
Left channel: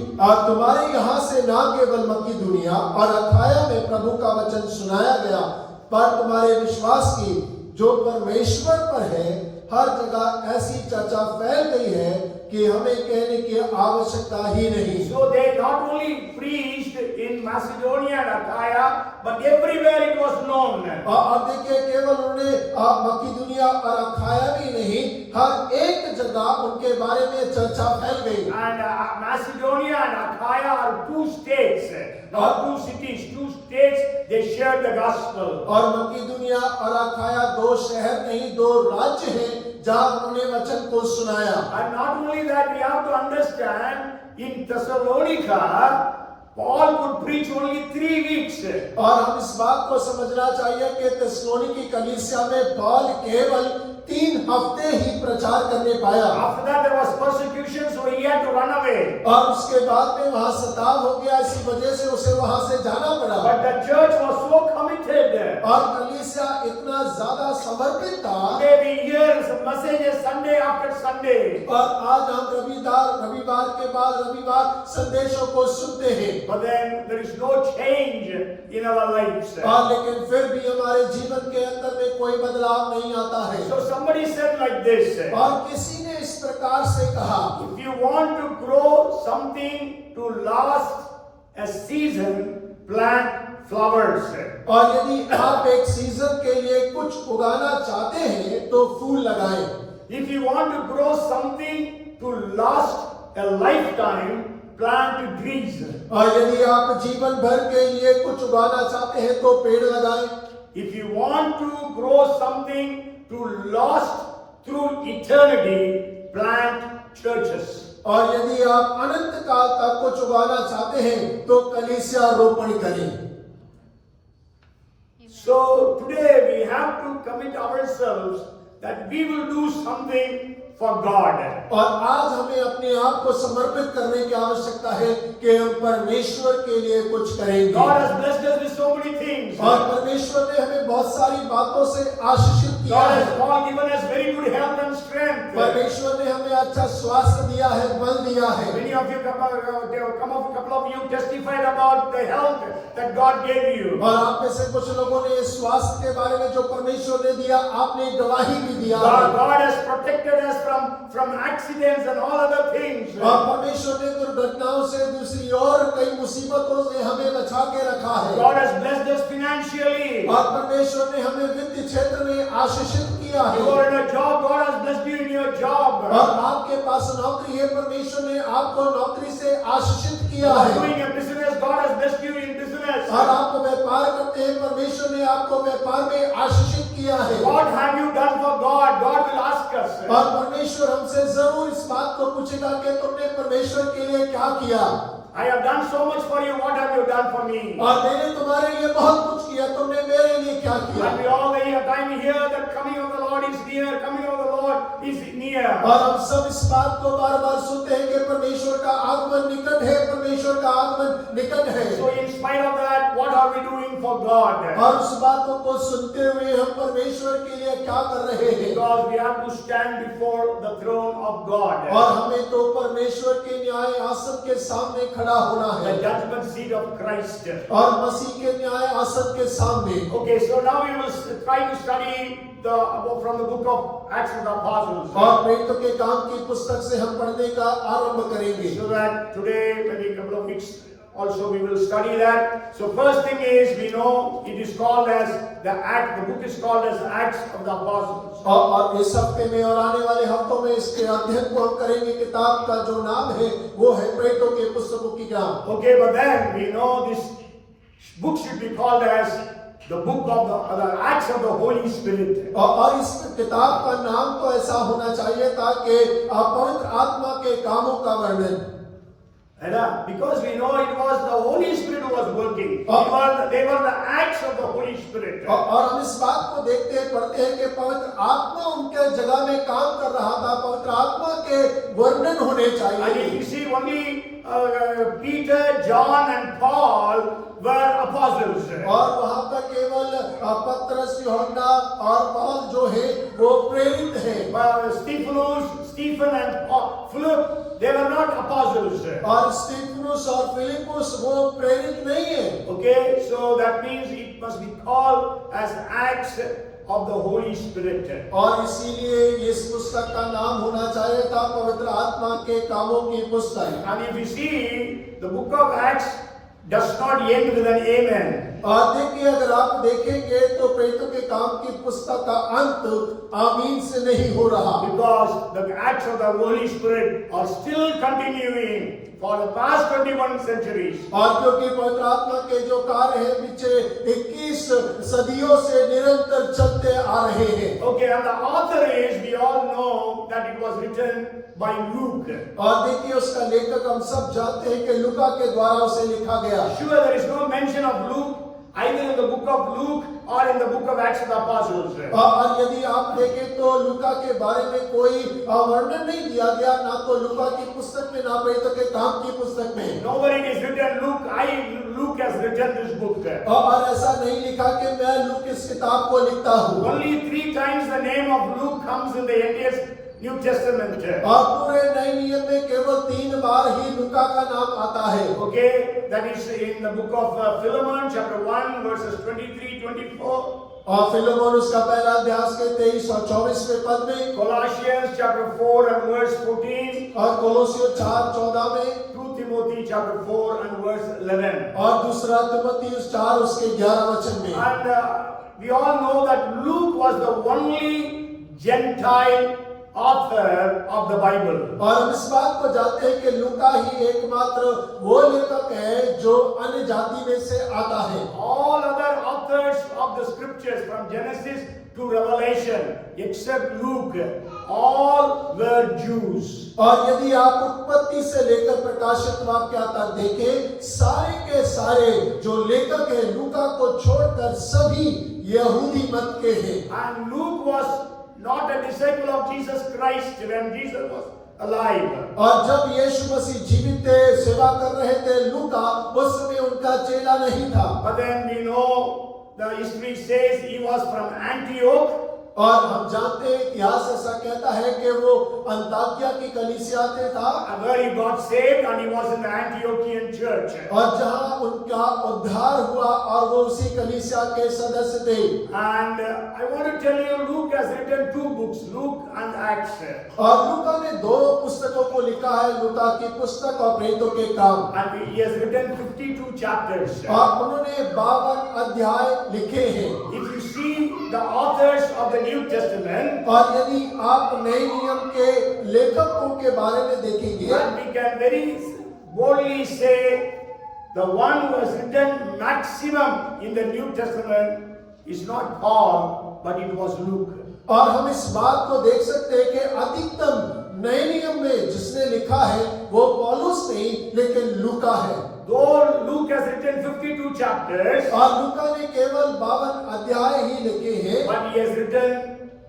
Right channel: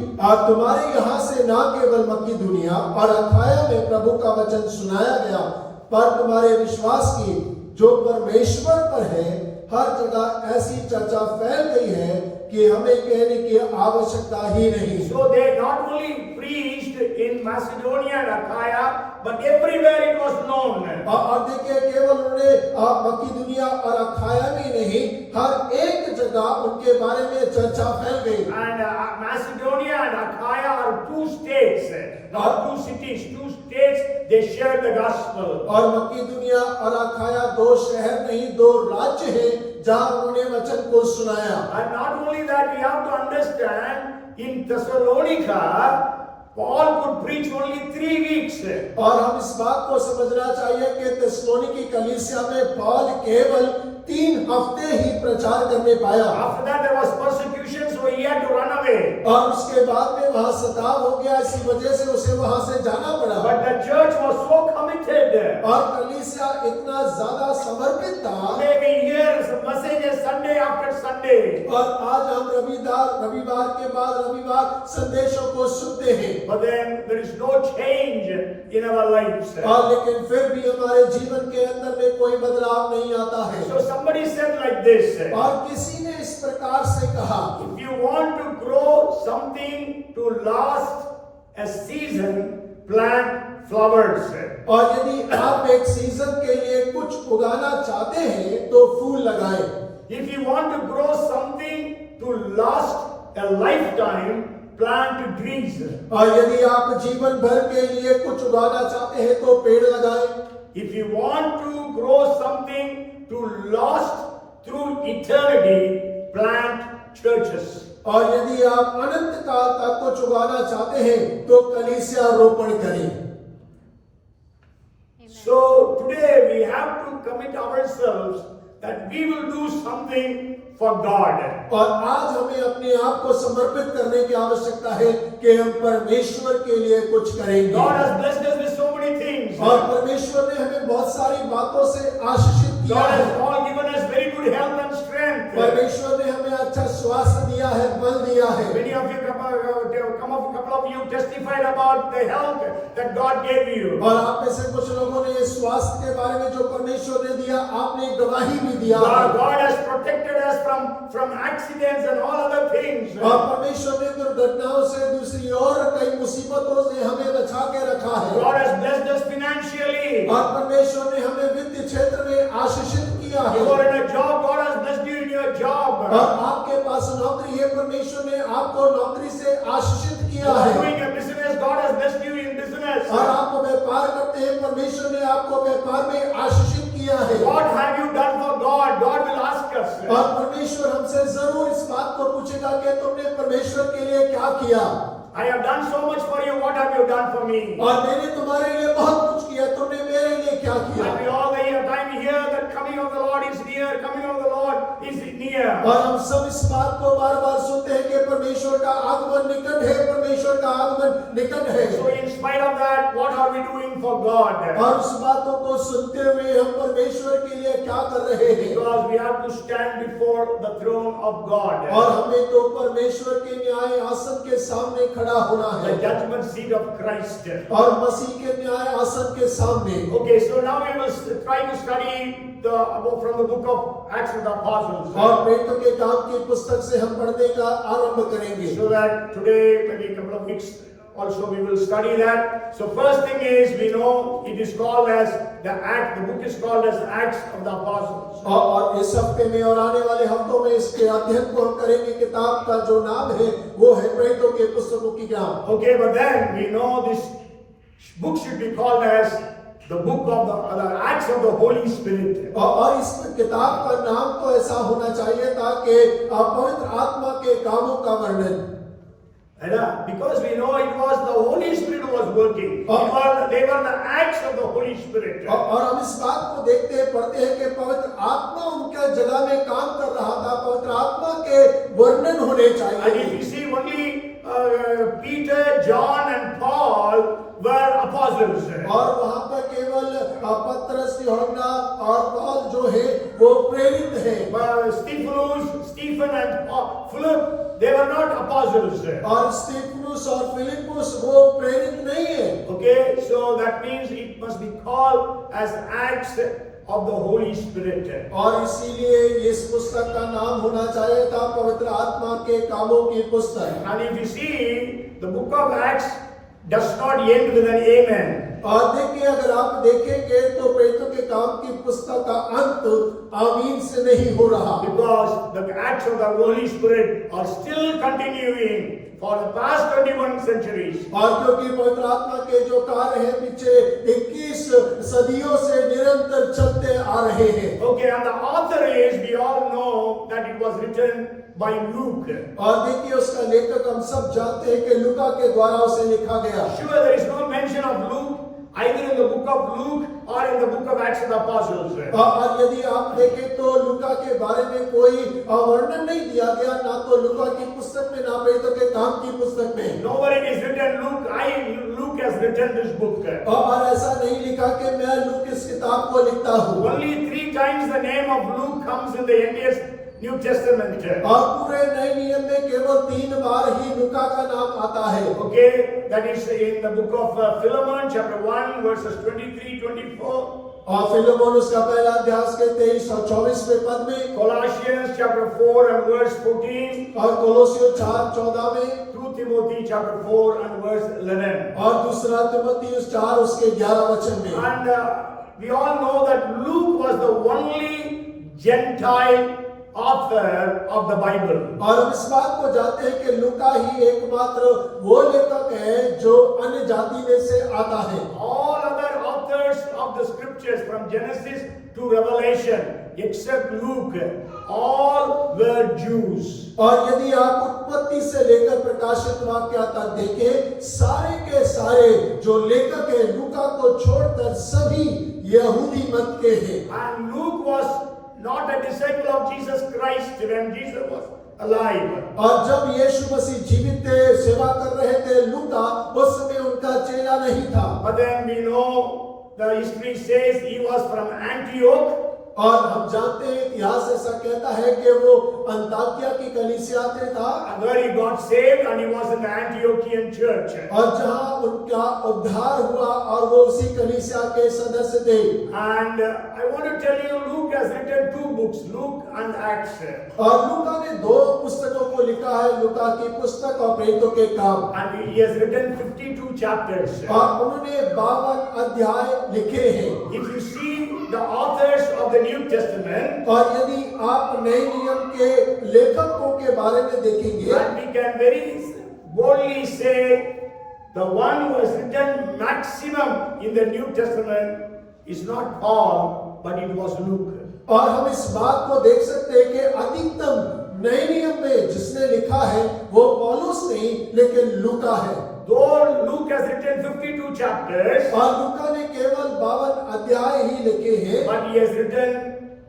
तुम्हारे यहाँ से न केवल मकिदुनिया और अखाया में प्रभु का वचन सुनाया गया, पर तुम्हारे विश्वास की जो परमेश्वर पर है हर जगह ऐसी चर्चा फैल गई है कि हमें कहने की आवश्यकता ही नहीं। So they not only preached in Macedonia and Achaia, but everywhere it was known. और देखिए केवल उन्होंने मकिदुनिया और अखाया में नहीं हर एक जगह उनके बारे में चर्चा फैल गई। And Macedonia and Achaia are two states, not two cities, two states. They shared the gospel. और मकिदुनिया और अखाया दो शहर नहीं दो राज्य हैं जहां उन्होंने वचन को सुनाया। And not only that, we have to understand in Thessalonica, Paul could preach only 3 weeks. और हम इस बात को समझना चाहिए कि थिस्सलुनी की कलीसिया में पौल केवल 3 हफ्ते ही प्रचार करने पाया। After that there was persecution, so he had to run away. और उसके बाद में वहां सताव हो गया, इसी वजह से उसे वहां से जाना पड़ा। But the church was so committed. और कलीसिया इतना ज्यादा समर्पित था। Today we hear some messages Sunday after Sunday. और आज हम रविवार के बाद रविवार संदेशों को सुनते हैं। But then there is no change in our lives. और लेकिन फिर भी हमारे जीवन के अंदर में कोई बदलाव नहीं आता है। So somebody said like this. और किसी ने इस प्रकार से कहा, If you want to grow something to last a season, plant flowers. और यदि आप एक सीजन के लिए कुछ उगाना चाहते हैं तो फूल लगाएं। If you want to grow something to last a lifetime, plant trees. और यदि आप जीवन भर के लिए कुछ उगाना चाहते हैं तो पेड़ लगाएं। If you want to grow something to last through eternity, plant churches. और यदि आप अनंत काल तक कुछ उगाना चाहते हैं तो कलीसिया रोपण करें। So today we have to commit ourselves that we will do something for God. और आज हमें अपने आप को समर्पित करने की आवश्यकता है कि हम परमेश्वर के लिए कुछ करेंगे। God has blessed us with so many things. और परमेश्वर ने हमें बहुत सारी बातों से आशीषित किया God है। has all given us very good health and strength. परमेश्वर ने हमें अच्छा स्वास्थ्य दिया है, बल दिया है। Many of you, couple of you testified about the health that God gave you. और आप में से कुछ लोगों ने स्वास्थ्य के बारे में जो परमेश्वर ने दिया, आपने गवाही भी दिया है। God has protected us from accidents and all other things. और परमेश्वर ने दुर्घटनाओं से दूसरी और कई मुसीबतों से हमें बचा के रखा है। God has blessed us financially. और परमेश्वर ने हमें वित्तीय क्षेत्र में आशीषित किया है। You are in a job, God has blessed you in your job. और आपके पास नौकरी है, परमेश्वर ने आपको नौकरी से आशीषित You किया are है। doing a business, God has blessed you in business. और आप व्यापार करते हैं, परमेश्वर ने आपको व्यापार में आशीषित किया है। What have you done for God? God will ask us. और परमेश्वर हमसे जरूर इस बात को पूछेगा कि तुमने परमेश्वर के लिए क्या किया। I have done so much for you. What have you done for me? और मैंने तुम्हारे लिए बहुत कुछ किया, तुमने मेरे लिए क्या किया। And we all the time hear that coming of the Lord is near, coming of the Lord is near. और हम सब इस बात को बार बार सुनते हैं कि परमेश्वर का आगमन निकट है, परमेश्वर का आगमन निकट है। So in spite of that, what are we doing for God? और उस बातों को सुनते हुए हम परमेश्वर के लिए क्या कर रहे हैं। Because we have to stand before the throne of God. और हमें तो परमेश्वर के न्याय आसन के सामने खड़ा होना है। The judgment seat of Christ. और मसीह के न्याय आसन के सामने। Okay, so now we will try to study from the book of Acts of the Apostles. और प्रेरितों के काम की पुस्तक से हम पढ़ने का आरंभ करेंगे। So that today, maybe a couple of weeks also we will study that. So first thing is, we know it is called as the book is called as Acts of the Apostles. और इस हफ्ते में और आने वाले हफ्तों में इसके अध्ययन को हम करेंगे। किताब का जो नाम है वो है प्रेरितों के पुस्तकों की किताब। Okay, but then we know this book should be called as the book of the Acts of the Holy Spirit. और इस किताब का नाम तो ऐसा होना चाहिए ताकि पवित्र आत्मा के कामों का वर्णन, Because we know it was the Holy Spirit who was working. They were the acts of the Holy Spirit. और हम इस बात को देखते पढ़ते हैं कि पवित्र आत्मा उनके जगह में काम कर रहा था, पवित्र आत्मा के वर्णन होने And चाहिए। if you see only Peter, John and Paul were apostles. और वहां पर केवल पतरस, यूहन्ना और पौल जो है वो प्रेरित है। Stephen and Philip, they were not apostles. और स्टीफनुस और फिलिपुस वो प्रेरित नहीं है। Okay, so that means it must be called as Acts of the Holy Spirit. और इसीलिए इस पुस्तक का नाम होना चाहिए था पवित्र आत्मा के कामों की पुस्तक। And if you see, the book of Acts does not end with an amen. और देखिए, अगर आप देखेंगे तो प्रेरितों के काम की पुस्तक का अंत आमीन से नहीं हो रहा, Because the acts of the Holy Spirit are still continuing for the past 21 centuries. और क्योंकि पवित्र आत्मा के जो कार्य हैं पीछे 21 सदियों से निरंतर चलते आ रहे हैं। Okay, and the author is, we all know that it was written by Luke. और देखिए, उसका लेखक हम सब जानते हैं कि लूका के द्वारा उसे लिखा गया। Sure, there is no mention of Luke either in the book of Luke or in the book of Acts of the Apostles. और यदि आप देखें तो लूका के बारे में कोई वर्णन नहीं दिया गया, ना तो लूका की पुस्तक में, ना प्रेरितों के काम की पुस्तक में। Nowhere it is written Luke has written this book. और ऐसा नहीं लिखा कि मैं लूक इस किताब को लिखता हूँ। Only 3 times the name of Luke comes in the entire New Testament. और पूरे नए नियम में केवल 3 बार ही लूका का नाम आता है। Okay, that is in the book of Philemon, chapter 1, verses 23-24. और फिलोमोन उसका पहला अध्याय के 23 और 24वें पद में, Colossians, chapter 4 and verse 14. और कोलोसियों 4:14 में, 2 Timothy, chapter 4 and verse 11. और दूसरा तिमोथेयुस 4 उसके 11 वचन में। And we all know that Luke was the only Gentile author of the Bible. और हम इस बात को जानते हैं कि लूका ही एकमात्र वो लेखक है जो अन्य जाति में से आता है। All other authors of the scriptures from Genesis to Revelation except Luke, all were Jews. और यदि आप उत्पत्ति से लेकर प्रकाशित वाक्य तक देखें, सारे के सारे जो लेखक है लूका को छोड़कर सभी यहूदी मत के हैं। And Luke was not a disciple of Jesus Christ when Jesus was alive. और जब यीशु मसीह जीवित थे, सेवा कर रहे थे, लूका उस समय उनका चेला नहीं था। But then we know the history says he was from Antioch. और हम जानते हैं इतिहास ऐसा कहता है कि वो अंताकिया की कलीसिया से था, Where he got saved and he was in the Antiochian church. और जहां उनका उद्धार हुआ और वो उसी कलीसिया के सदस्य थे। And I want to tell you, Luke has written 2 books, Luke and Acts. और लूका ने 2 पुस्तकों को लिखा है, लूका की पुस्तक और प्रेरितों के काम। And he has written 52 chapters. और उन्होंने 52 अध्याय लिखे हैं। If you see the authors of the New Testament, और यदि आप नए नियम के लेखकों के बारे में देखेंगे, then we can very boldly say the one who has written maximum in the New Testament is not Paul, but it was Luke. और हम इस बात को देख सकते हैं कि अधिकतम नए नियम में जिसने लिखा है वो पौलुस नहीं लेकिन लूका है। Though Luke has written 52 chapters, और लूका ने केवल 52 अध्याय ही लिखे हैं, but he has written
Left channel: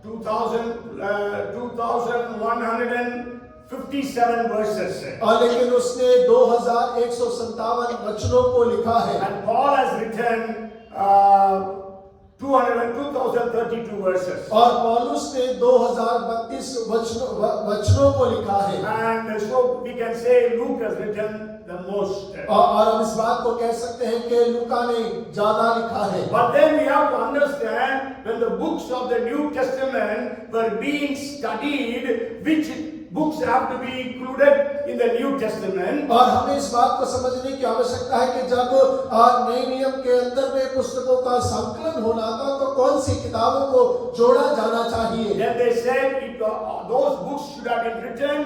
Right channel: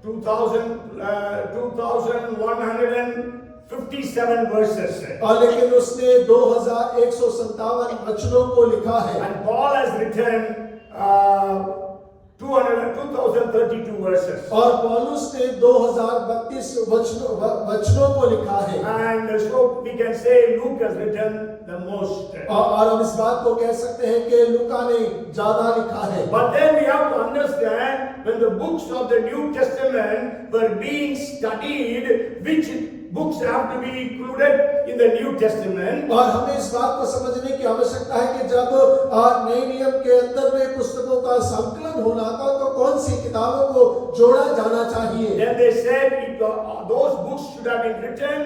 2157 verses. और लेकिन उसने 2157 वचनों को लिखा है। And Paul has written 2032 verses. और पौलुस ने 2032 वचनों को लिखा है। And so we can say Luke has written the most. और हम इस बात को कह सकते हैं कि लूका ने ज्यादा लिखा है। But then we have to understand when the books of the New Testament were being studied, which books have to be included in the New Testament. और हमें इस बात को समझने की आवश्यकता है कि जब नए नियम के अंदर में पुस्तकों का संकलन होना था तो कौन सी किताबों को जोड़ा जाना चाहिए। Then they said those books should have been written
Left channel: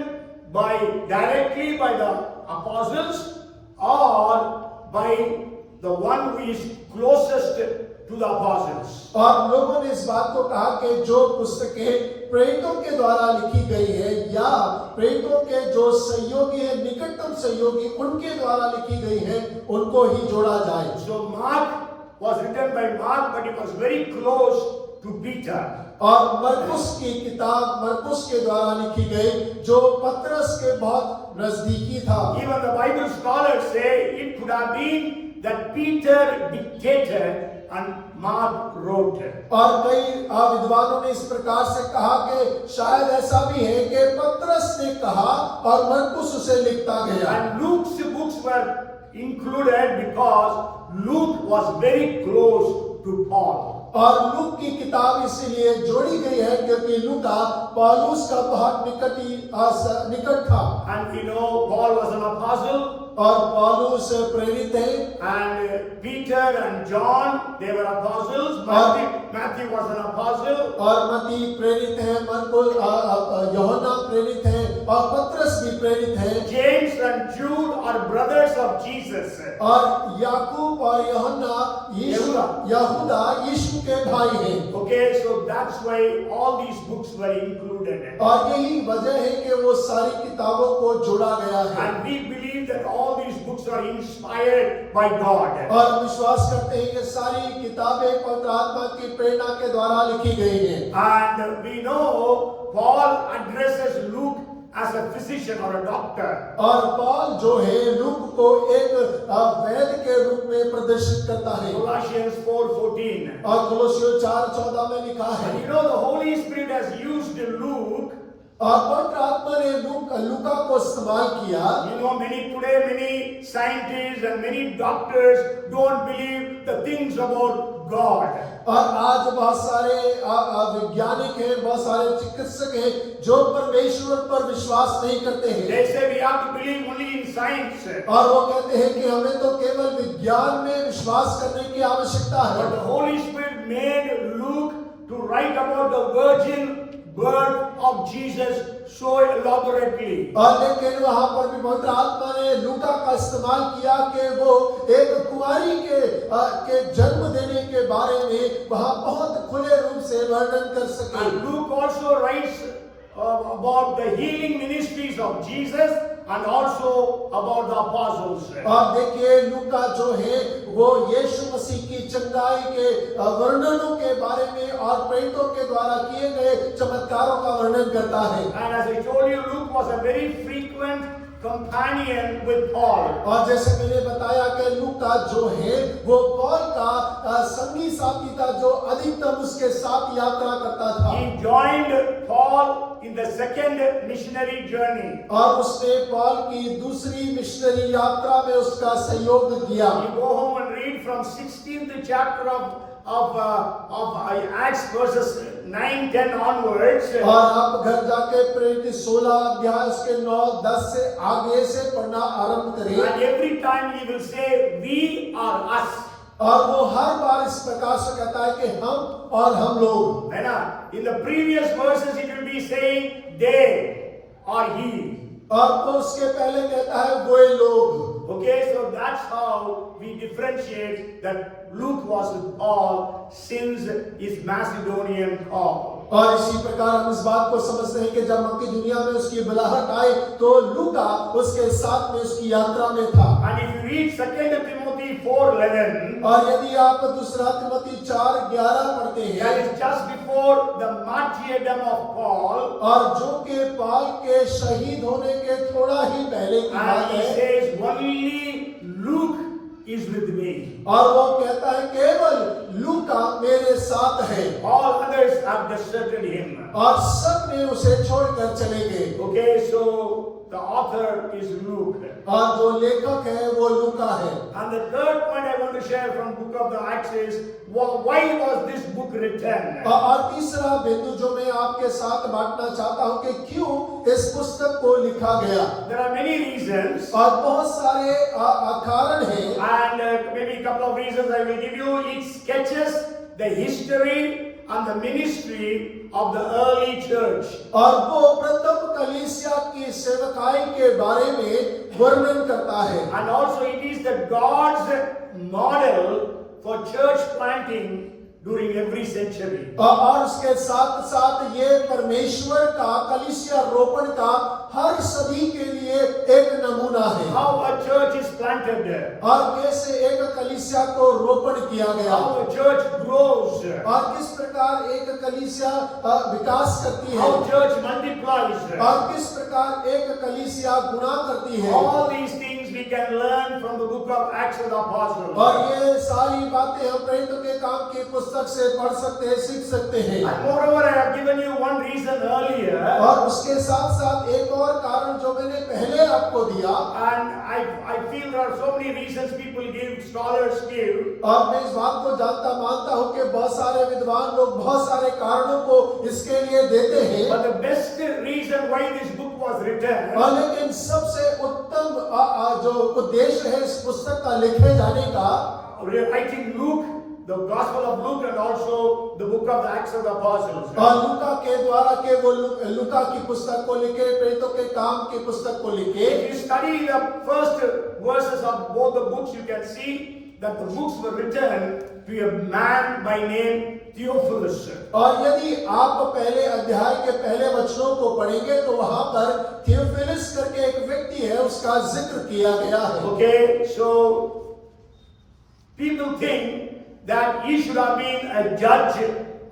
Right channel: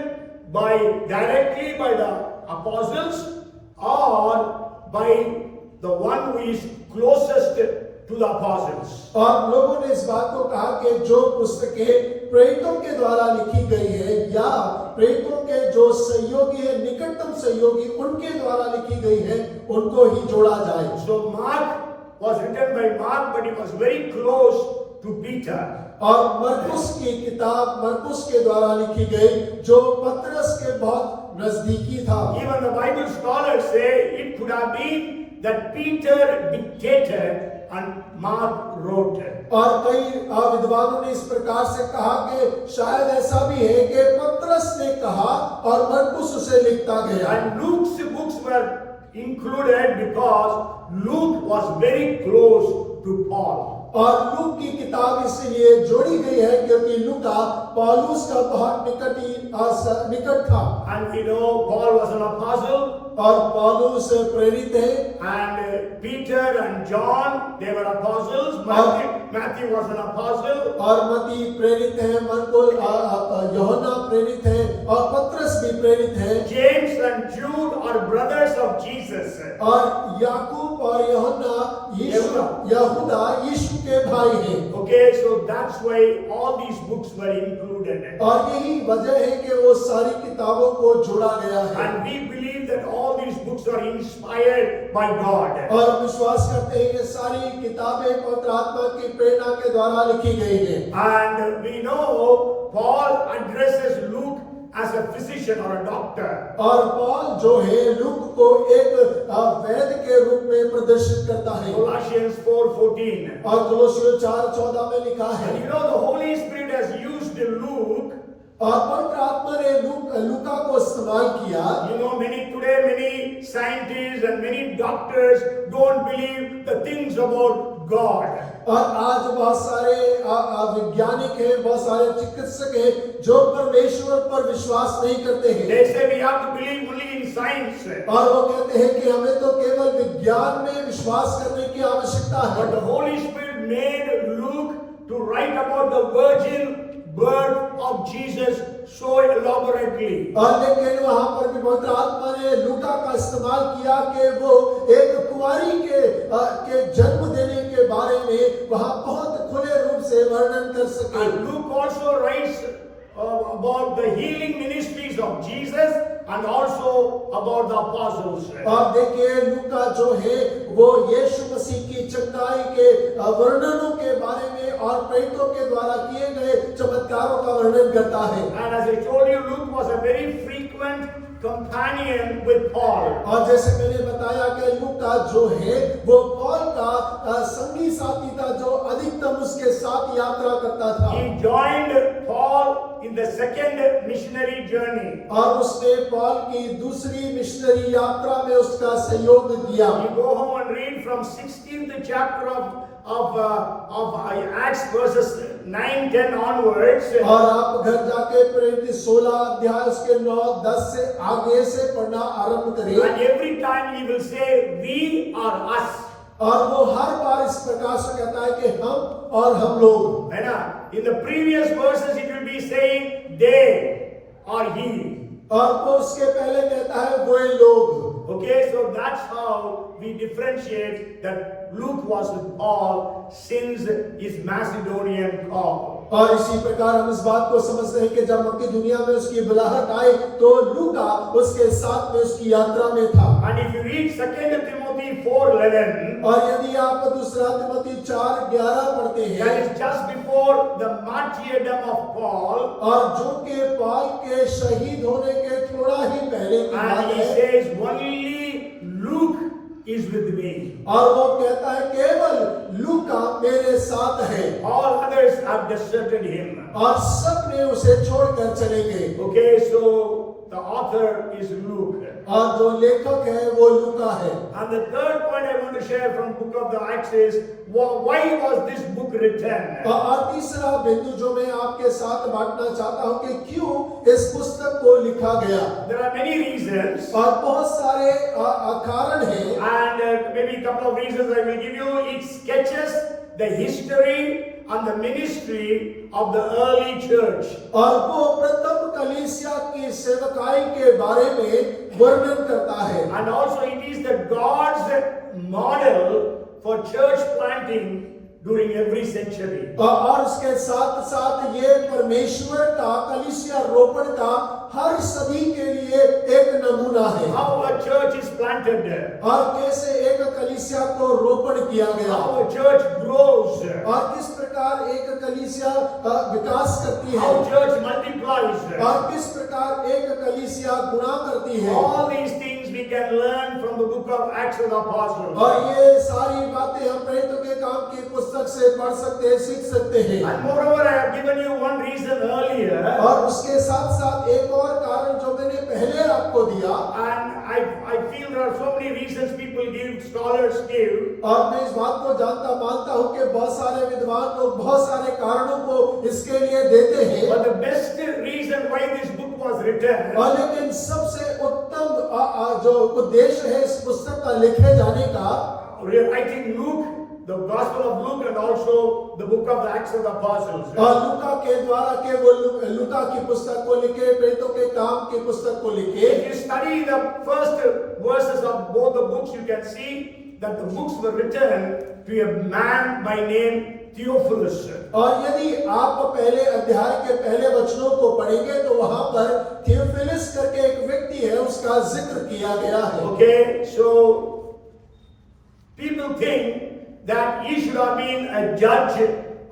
directly by the apostles or by the one who is closest to the apostles. और लोगों ने इस बात को कहा कि जो पुस्तकें प्रेरितों के द्वारा लिखी गई है या प्रेरितों के जो सहयोगी है, निकटतम सहयोगी, उनके द्वारा लिखी गई है, उनको ही जोड़ा जाए। So Mark was written by Mark, but he was very close to Peter. और मरकुस की किताब मरकुस के द्वारा लिखी गई, जो पतरस के बहुत नजदीकी था। Even the Bible scholars say it could have been that Peter dictated and Mark wrote. और कई विद्वानों ने इस प्रकार से कहा कि शायद ऐसा भी है कि पतरस ने कहा और मरकुस उसे लिखता गया। And Luke's books were included because Luke was very close to Paul. और लूक की किताब इसलिए जोड़ी गई है क्योंकि लूका पौलुस का बहुत निकट था। And we know Paul was an apostle. और पौलुस प्रेरित है। And Peter and John, they were apostles. Matthew was an apostle. और मत्ती प्रेरित है, मरकुस यूहन्ना प्रेरित है और पतरस भी प्रेरित है। James and Jude are brothers of Jesus. और याकूब और यहूदा यीशु के भाई हैं। Okay, so that's why all these books were included. और यही वजह है कि वो सारी किताबों को जोड़ा गया है। And we believe that all these books are inspired by God. और विश्वास करते हैं कि सारी किताबें पवित्र आत्मा की प्रेरणा के द्वारा लिखी गई हैं। And we know Paul addresses Luke as a physician or a doctor. और पौल जो है लूक को एक वैद्य के रूप में प्रदर्शित करता है। Colossians 4:14. और कोलोसियों 4:14 में लिखा है। And you know the Holy Spirit has used Luke. और पवित्र आत्मा ने लूका को इस्तेमाल किया। You know, many scientists and many doctors don't believe the things about God. और आज बहुत सारे वैज्ञानिक हैं, बहुत सारे चिकित्सक हैं जो परमेश्वर पर विश्वास नहीं करते हैं। They say we have to believe only in science. और वो कहते हैं कि हमें तो केवल विज्ञान में विश्वास करने की आवश्यकता है। But the Holy Spirit made Luke to write about the virgin birth of Jesus so elaborately. और लेकिन वहां पर भी पवित्र आत्मा ने लूका का इस्तेमाल किया कि वो एक कुमारी के जन्म देने के बारे में वहां बहुत खुले रूप से वर्णन कर सके। And Luke also writes about the healing ministries of Jesus and also about the apostles. और देखिए लूका जो है वो यीशु मसीह की चंगाई के वर्णनों के बारे में और प्रेरितों के द्वारा किए गए चमत्कारों का वर्णन करता है। And as I told you, Luke was a very frequent companion with Paul. और जैसे मैंने बताया कि लूका जो है वो पौल का संगी साथी था जो अधिकतम उसके साथ यात्रा करता था। He joined Paul in the second missionary journey. और उसने पौल की दूसरी मिशनरी यात्रा में उसका सहयोग दिया। You go home and read from 16th chapter of Acts verses 9-10 onwards. और आप घर जाके प्रेरित 16 अध्याय उसके 9-10 से आगे से पढ़ना आरंभ करिए। And every time he will say, "We are us." और वो हर बार इस प्रकार से कहता है कि हम और हम लोग। है ना? In the previous verses it will be saying they or he. और वो उसके पहले कहता है वो लोग। Okay, so that's how we differentiate that Luke was with Paul since his Macedonian call. और इसी प्रकार हम इस बात को समझते हैं कि जब मक्की दुनिया में उसकी बुलाहट आई तो लूका उसके साथ में उसकी यात्रा में था। And if you read 2 Timothy 4:11, और यदि आप दूसरा तिमोथी 4:11 पढ़ते हैं, that is just before the martyrdom of Paul, और जो कि पौल के शहीद होने के थोड़ा ही पहले की बात and he है। says, "Only Luke is with me." और वो कहता है केवल लूका मेरे साथ है। All others have deserted him. और सब ने उसे छोड़कर चले गए। Okay, so the author is Luke. और जो लेखक है वो लूका है। And the third point I want to share from book of the Acts is why was this book written? और तीसरा बिंदु जो मैं आपके साथ बांटना चाहता हूं कि क्यों इस पुस्तक को लिखा गया। There are many reasons. और बहुत सारे कारण हैं। And maybe a couple of reasons I will give you. It sketches the history and the ministry of the early church. और वो प्रथम कलीसिया की सेवकाई के बारे में वर्णन करता है। And also it is the God's model for church planting during every century. और उसके साथ साथ ये परमेश्वर का कलीसिया रोपण का हर सभी के लिए एक नमूना है। How a church is planted, और कैसे एक कलीसिया को रोपण किया गया, how a church grows, और किस प्रकार एक कलीसिया विकास करती है, how church multiplies. और किस प्रकार एक कलीसिया गुणा करती है। All these things we can learn from the book of Acts of the Apostles. और ये सारी बातें हम प्रेरितों के काम की पुस्तक से पढ़ सकते हैं, सीख सकते हैं। And moreover, I have given you one reason earlier, और उसके साथ साथ एक और कारण जो मैंने पहले आपको दिया, and I feel there are so many reasons people give, scholars give. और मैं इस बात को जानता मानता हूँ कि बहुत सारे विद्वान लोग बहुत सारे कारणों को इसके लिए देते हैं। But the best reason why this book was written, और लेकिन सबसे उत्तम जो उद्देश्य है इस पुस्तक का लिखे जाने का, writing Luke, the Gospel of Luke, and also the book of the Acts of the Apostles. और लूका के द्वारा के वो लूका की पुस्तक को लिखे, प्रेरितों के काम की पुस्तक को लिखे। If you study the first verses of both the books, you can see that the books were written to a man by name Theophilus. और यदि आप पहले अध्याय के पहले वचनों को पढ़ेंगे तो वहां पर थियोफिलस करके एक व्यक्ति है, उसका जिक्र किया गया है। Okay, so people think that he should have been a judge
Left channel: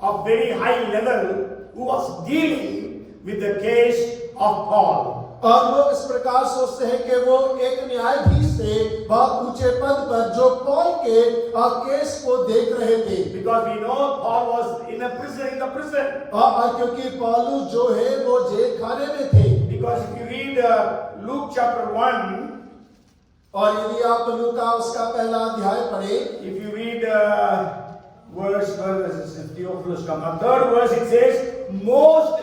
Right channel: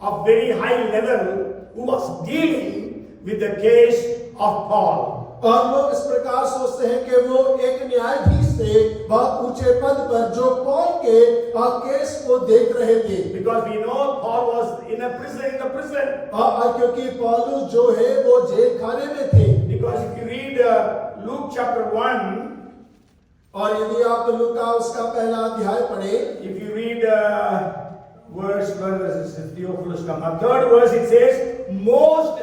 of very high level who was dealing with the case of Paul. और लोग इस प्रकार सोचते हैं कि वो एक न्यायाधीश थे बहुत ऊंचे पद पर जो पौल के केस को देख रहे थे। Because we know Paul was in the prison. क्योंकि पौलुस जो है वो जेल खाने में थे। Because if you read Luke chapter 1, और यदि आप लूका उसका पहला अध्याय पढ़े, if you read verse Theophilus come up, third verse it says, most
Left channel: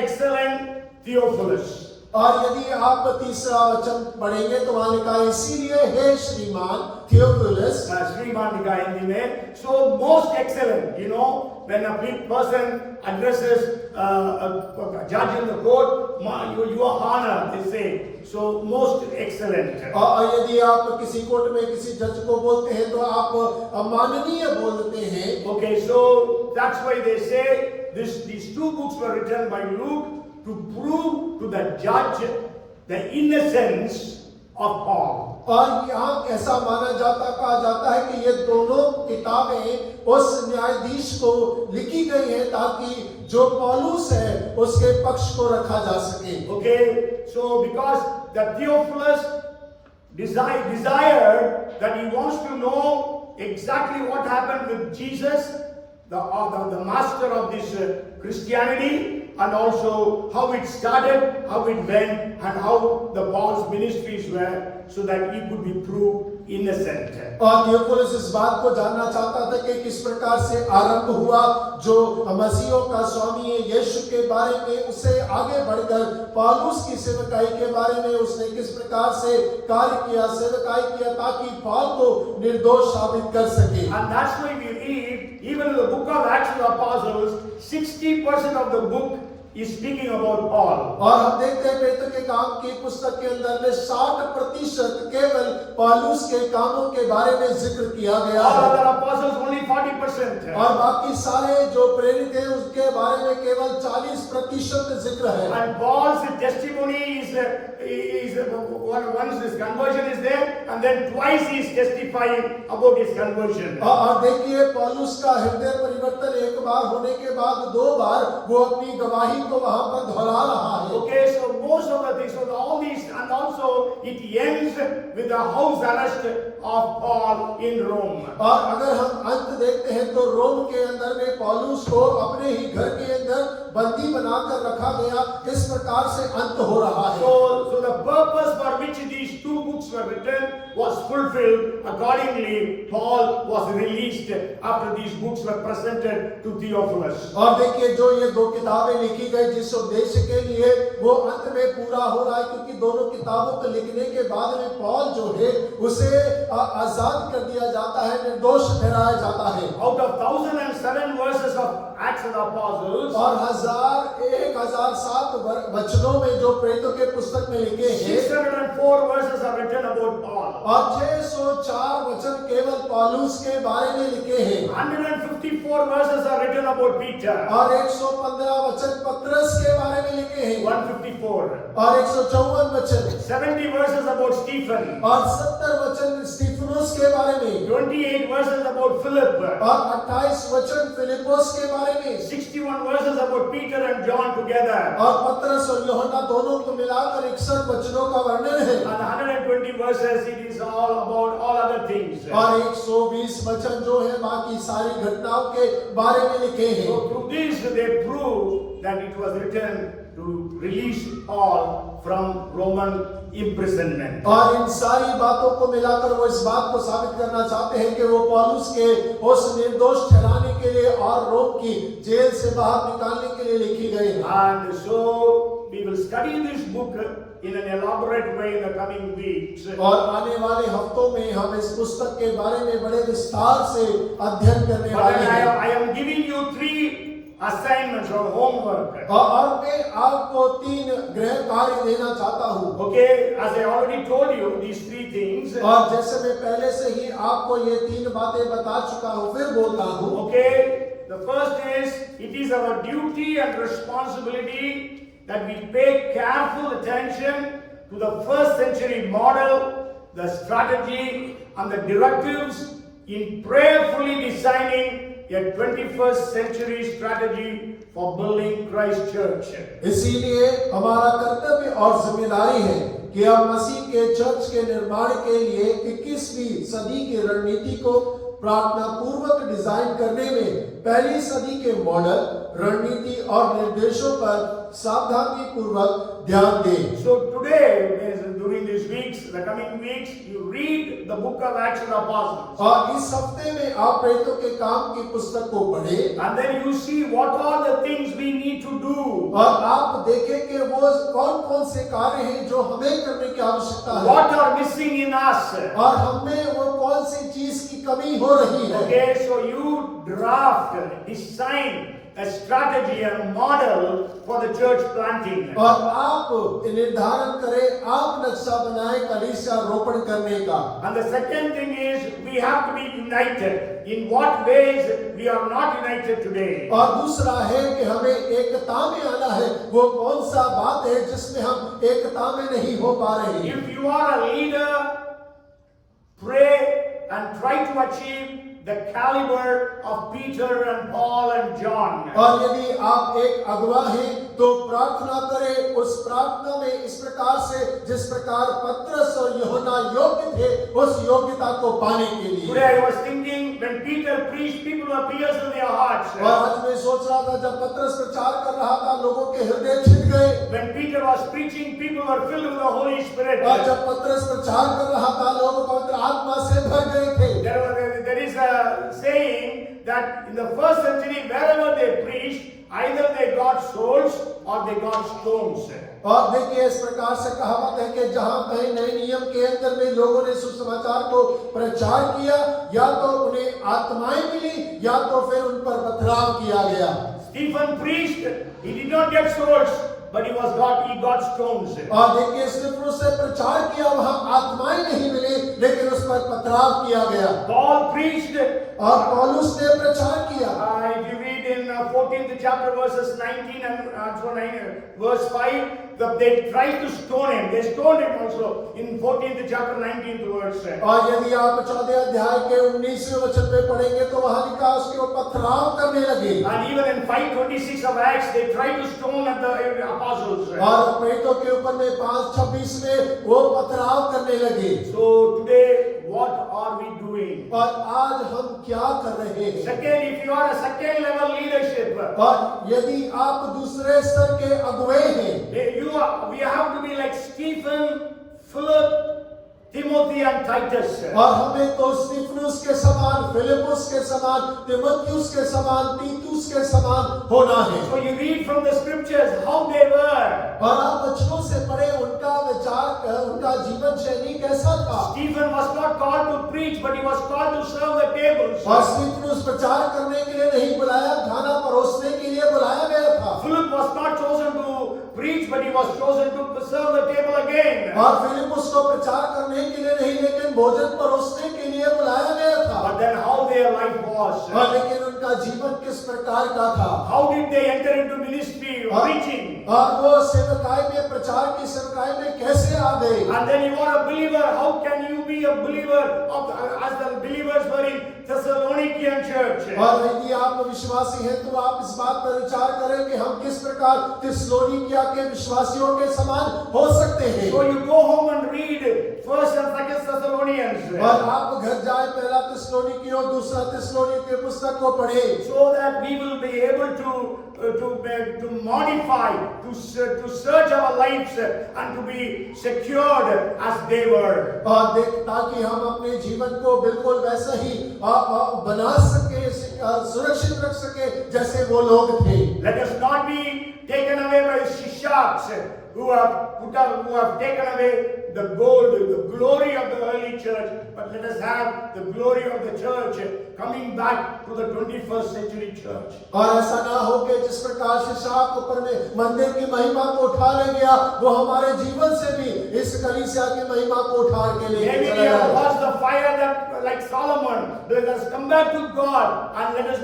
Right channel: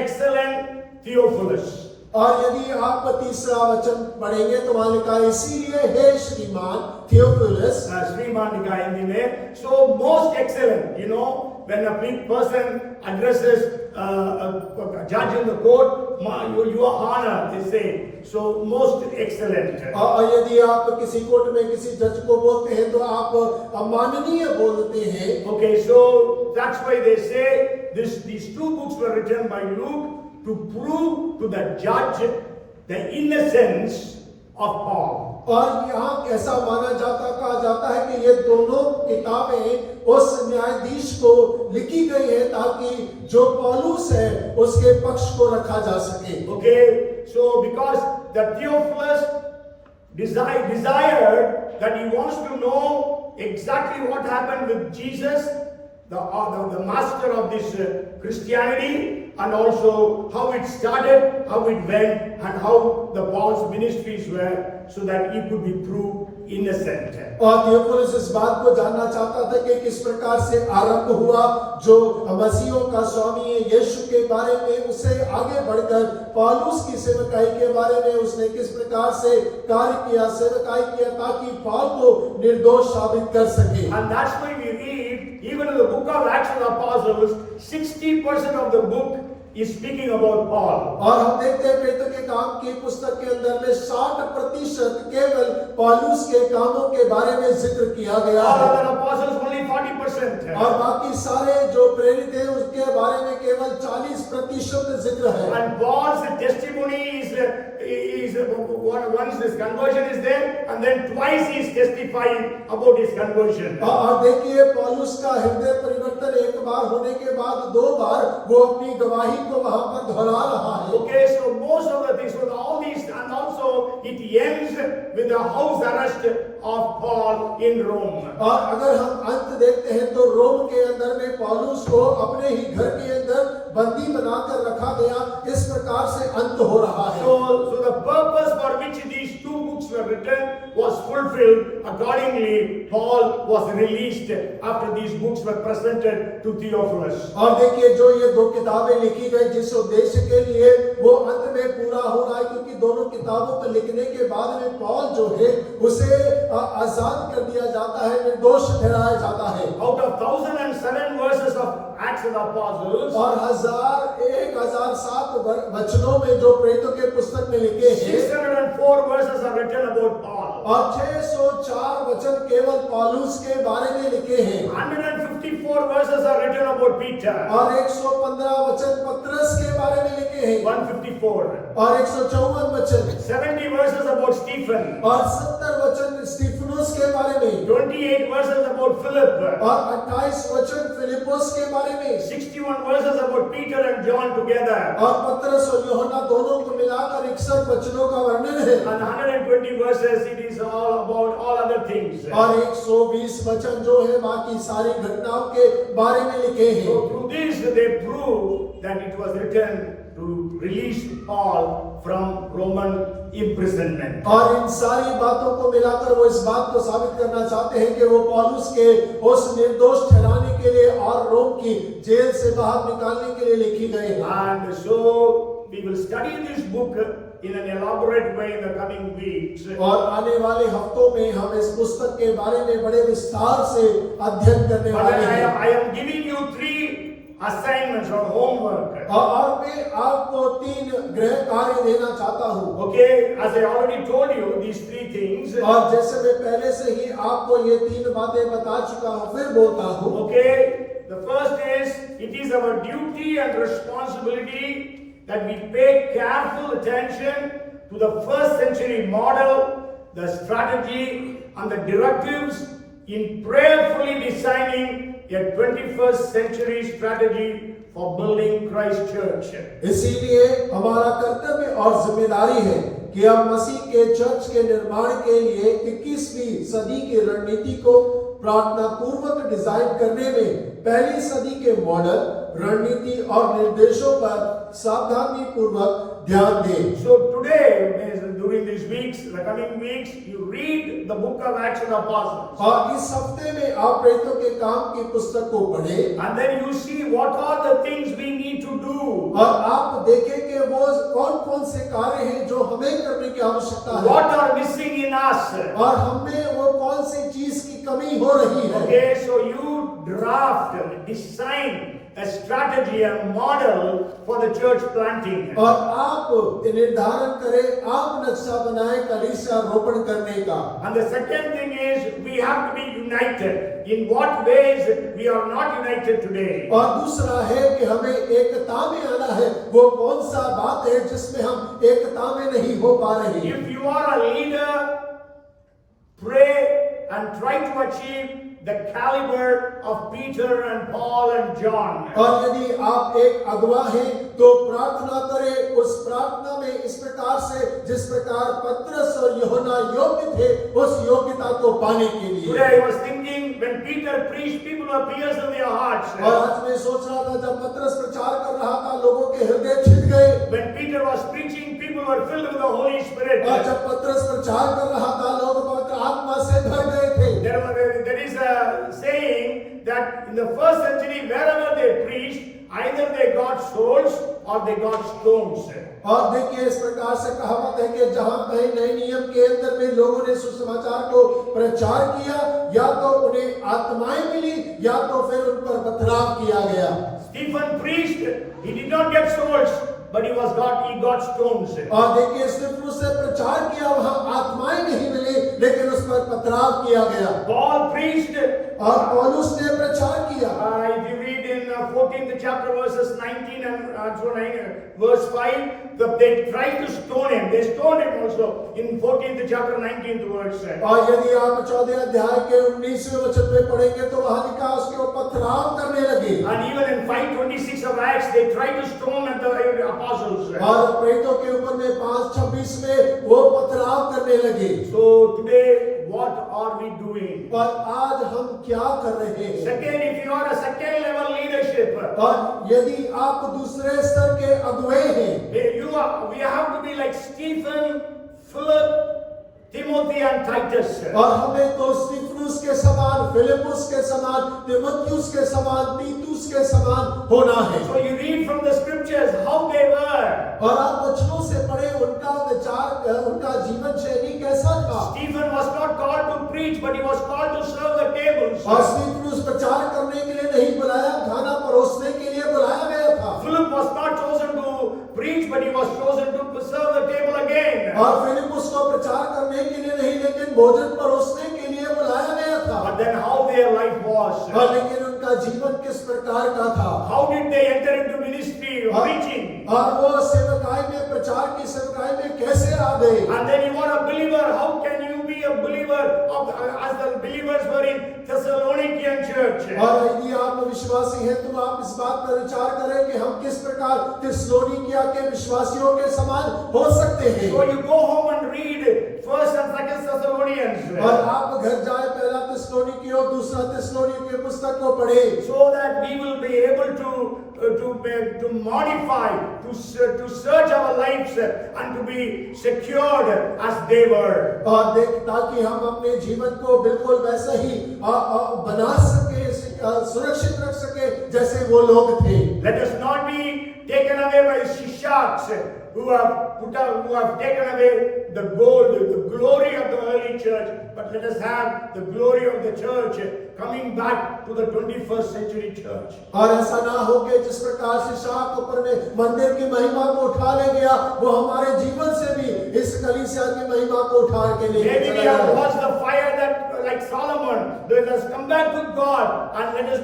excellent Theophilus. और यदि आप तीसरा वचन पढ़ेंगे तो वहां लिखा है, इसीलिए हे श्रीमान थियोफिलस। श्रीमान लिखा है हिंदी में। So most excellent, you know, when a person addresses a judge in the court, your honor, they say. So most excellent. और यदि आप किसी कोर्ट में किसी जज को बोलते हैं तो आप माननीय बोलते हैं। Okay, so that's why they say these two books were written by Luke to prove to the judge the innocence of Paul. और यहाँ ऐसा कहा जाता है कि ये दोनों किताबें उस न्यायाधीश को लिखी गई है ताकि जो पौलुस है उसके पक्ष को रखा जा सके। Okay, so because the Theophilus desired that he wants to know exactly what happened with Jesus, the master of this Christianity, and also how it started, how it went, and how the Paul's ministries were, so that he could be proved innocent. और Theophilus इस बात को जानना चाहता था कि किस प्रकार से आरंभ हुआ, जो मसीहों का स्वामी है यीशु के बारे में, उससे आगे बढ़कर पौलुस की सेवकाई के बारे में उसने किस प्रकार से कार्य किया, सेवकाई किया, ताकि पौल को निर्दोष साबित कर सके। And that's why we read, even in the book of Acts of the Apostles, 60% of the book is speaking about Paul. और हम देखते हैं प्रेरितों के काम की पुस्तक के अंदर में 60% केवल पौलुस के कामों के बारे में जिक्र किया गया All है। other apostles only 40%. और बाकी सारे जो प्रेरित हैं उसके बारे में केवल 40% जिक्र है। And Paul's testimony is once his conversion is there, and then twice he is testifying about his conversion. और देखिए पौलुस का हृदय परिवर्तन एक बार होने के बाद 2 बार वो अपनी गवाही को वहां पर दोहरा रहा है। Okay, so most of the things, so all these, and also it ends with the house arrest of Paul in Rome. और अगर हम अंत देखते हैं तो रोम के अंदर में पौलुस को अपने ही घर के अंदर बंदी बनाकर रखा गया। इस प्रकार से अंत हो रहा है। So the purpose for which these two books were written was fulfilled. Accordingly, Paul was released after these books were presented to Theophilus. और देखिए जो ये 2 किताबें लिखी गई जिस उद्देश्य के लिए वो अंत में पूरा हो रहा है, क्योंकि दोनों किताबों को लिखने के बाद में पौल जो है उसे आजाद कर दिया जाता है, निर्दोष ठहराया जाता है। Out of 1007 verses of Acts of the Apostles, और 1007 वचनों में जो प्रेरितों के पुस्तक में लिखे हैं 604 verses are written about Paul. और 604 वचन केवल पौलुस के बारे में लिखे हैं 154 verses are written about Peter. और 115 वचन पतरस के बारे में लिखे हैं 154. और 154 वचन 70 verses about Stephen. और 70 वचन स्टीफनुस के बारे में 28 verses about Philip. और 28 वचन फिलिपुस के बारे में 61 verses about Peter and John together. और पतरस और यूहन्ना दोनों को मिलाकर 61 वचनों का वर्णन है And 120 verses, it is all about all other things. और 120 वचन जो है बाकी सारी घटनाओं के बारे में लिखे हैं So through this they prove that it was written to release Paul from Roman imprisonment. और इन सारी बातों को मिलाकर वो इस बात को साबित करना चाहते हैं कि वो पौलुस के उस निर्दोष ठहराने के लिए और रोम की जेल से बाहर निकालने के लिए लिखी गई है And so we will study this book in an elaborate way in the coming weeks. और आने वाले हफ्तों में हम इस पुस्तक के बारे में बड़े विस्तार से अध्ययन करने But वाले हैं I am giving you 3 assignments or homework. और मैं आपको 3 गृह कार्य देना चाहता हूँ Okay, as I already told you, these 3 things. और जैसे मैं पहले से ही आपको ये 3 बातें बता चुका हूँ फिर बोलता हूँ Okay, the first is it is our duty and responsibility that we pay careful attention to the first century model, the strategy, and the directives in prayerfully designing a 21st century strategy for building Christ Church. इसीलिए हमारा कर्तव्य और जिम्मेदारी है कि हम मसीह के church के निर्माण के लिए 21वीं सदी की रणनीति को प्रार्थना पूर्वक डिजाइन करने में पहली सदी के मॉडल रणनीति और निर्देशों पर सावधानी पूर्वक ध्यान दें। So today, during these weeks, the coming weeks, you read the book of Acts of the Apostles. और इस हफ्ते में आप प्रेरितों के काम की पुस्तक को पढ़ें And then you see what are the things we need to do. और आप देखें कि वो कौन-कौन से कार्य हैं जो हमें करने की आवश्यकता है What are missing in us. और हमें वो कौन सी चीज की कमी हो रही है। Okay, so you draft, design a strategy and model for the church planting. और आप निर्धारण करें, आप नक्शा बनाएं कलीसिया रोपण करने का। And the second thing is we have to be united. In what ways we are not united today? और दूसरा है कि हमें एकता में आना है। वो कौन सा बात है जिसमें हम एकता में नहीं हो पा रहे हैं। If you are a leader, pray and try to achieve the caliber of Peter and Paul and John. और यदि आप एक अगुवा हैं तो प्रार्थना करें उस प्रार्थना में इस प्रकार से जिस प्रकार पतरस और यूहन्ना योग्य थे उस योग्यता को पाने के लिए। Today I was thinking when Peter preached, people were pierced in their hearts. और आज मैं सोच रहा था जब पतरस प्रचार कर रहा था लोगों के हृदय छिद गए। When Peter was preaching, people were filled with the Holy Spirit. और जब पतरस प्रचार कर रहा था लोग पवित्र आत्मा से भर गए थे। There is a saying that in the first century, wherever they preached, either they got souls or they got stones. और देखिए इस प्रकार से कहावत है कि जहां कहीं नए नियम के अंदर में लोगों ने सुसमाचार को प्रचार किया या तो उन्हें आत्माएं मिली या तो फिर उन पर पथराव किया गया। Stephen preached, he did not get souls, but he got stones. और देखिए स्तिफनुस से प्रचार किया वहां आत्माएं नहीं मिली लेकिन उस पर पथराव किया गया। Paul preached, और पौलुस ने प्रचार किया। if you read in 14th chapter verses 19 and verse 5, they tried to stone him. They stoned him also in 14th chapter 19th verse. और यदि आप 14 अध्याय के 19वें वचन में पढ़ेंगे तो वहां लिखा उसके ऊपर पथराव करने लगे। And even in 5:26 of Acts, they tried to stone at the apostles. और प्रेरितों के ऊपर में 5:26 में वो पथराव करने लगे। So today, what are we doing? और आज हम क्या कर रहे हैं? Second, if you are a second level leadership, और यदि आप दूसरे स्तर के अगुवे हैं we have to be like Stephen, Philip, Timothy and Titus. और हमें तो स्तिफनुस के समान, फिलिपुस के समान, तीमुथियुस के समान, तीतुस के समान होना है। So you read from the scriptures how they were. और आप वचनों से पढ़े उनका विचार, उनका जीवन शैली कैसा था। Stephen was not called to preach, but he was called to serve the tables. और स्तिफनुस प्रचार करने के लिए नहीं बुलाया, खाना परोसने but he was chosen to serve the table again. और फिलिपुस को प्रचार करने के लिए नहीं, लेकिन भोजन परोसने के लिए बुलाया गया था। But then how their life was. और लेकिन उनका जीवन किस प्रकार का था? How did they enter into ministry, preaching? और वो सेवकाई में, प्रचार की सेवकाई में कैसे आ गए? And then you are a believer. How can you be a believer as the believers were in Thessalonican church? और यदि आप विश्वासी हैं तो आप इस बात पर विचार करें कि हम किस प्रकार थिस्सलुनीकिया के विश्वासियों के समान हो सकते हैं। So you go home and read 1st and 2nd Thessalonians. और आप घर जाए पहला थिस्सलुनीकी और दूसरा थिस्सलुनीकी की पुस्तक को पढ़े, So that we will be able to modify, to search our lives and to be secured as they were. और देख, ताकि हम अपने जीवन को बिल्कुल वैसे ही बना सके, सुरक्षित रख सके जैसे वो लोग थे। Let us not be taken away by the shishaks who have taken away the gold, the glory of the early church, but let us have the glory of the church coming back to the 21st century church. और ऐसा ना हो कि जिस प्रकार से शाख ऊपर में मंदिर की महिमा को उठा ले गया, वो हमारे जीवन से भी इस कलीसिया की महिमा को उठा के ले Maybe we चला have गया। lost the fire that, like Solomon, let us come back to God and let us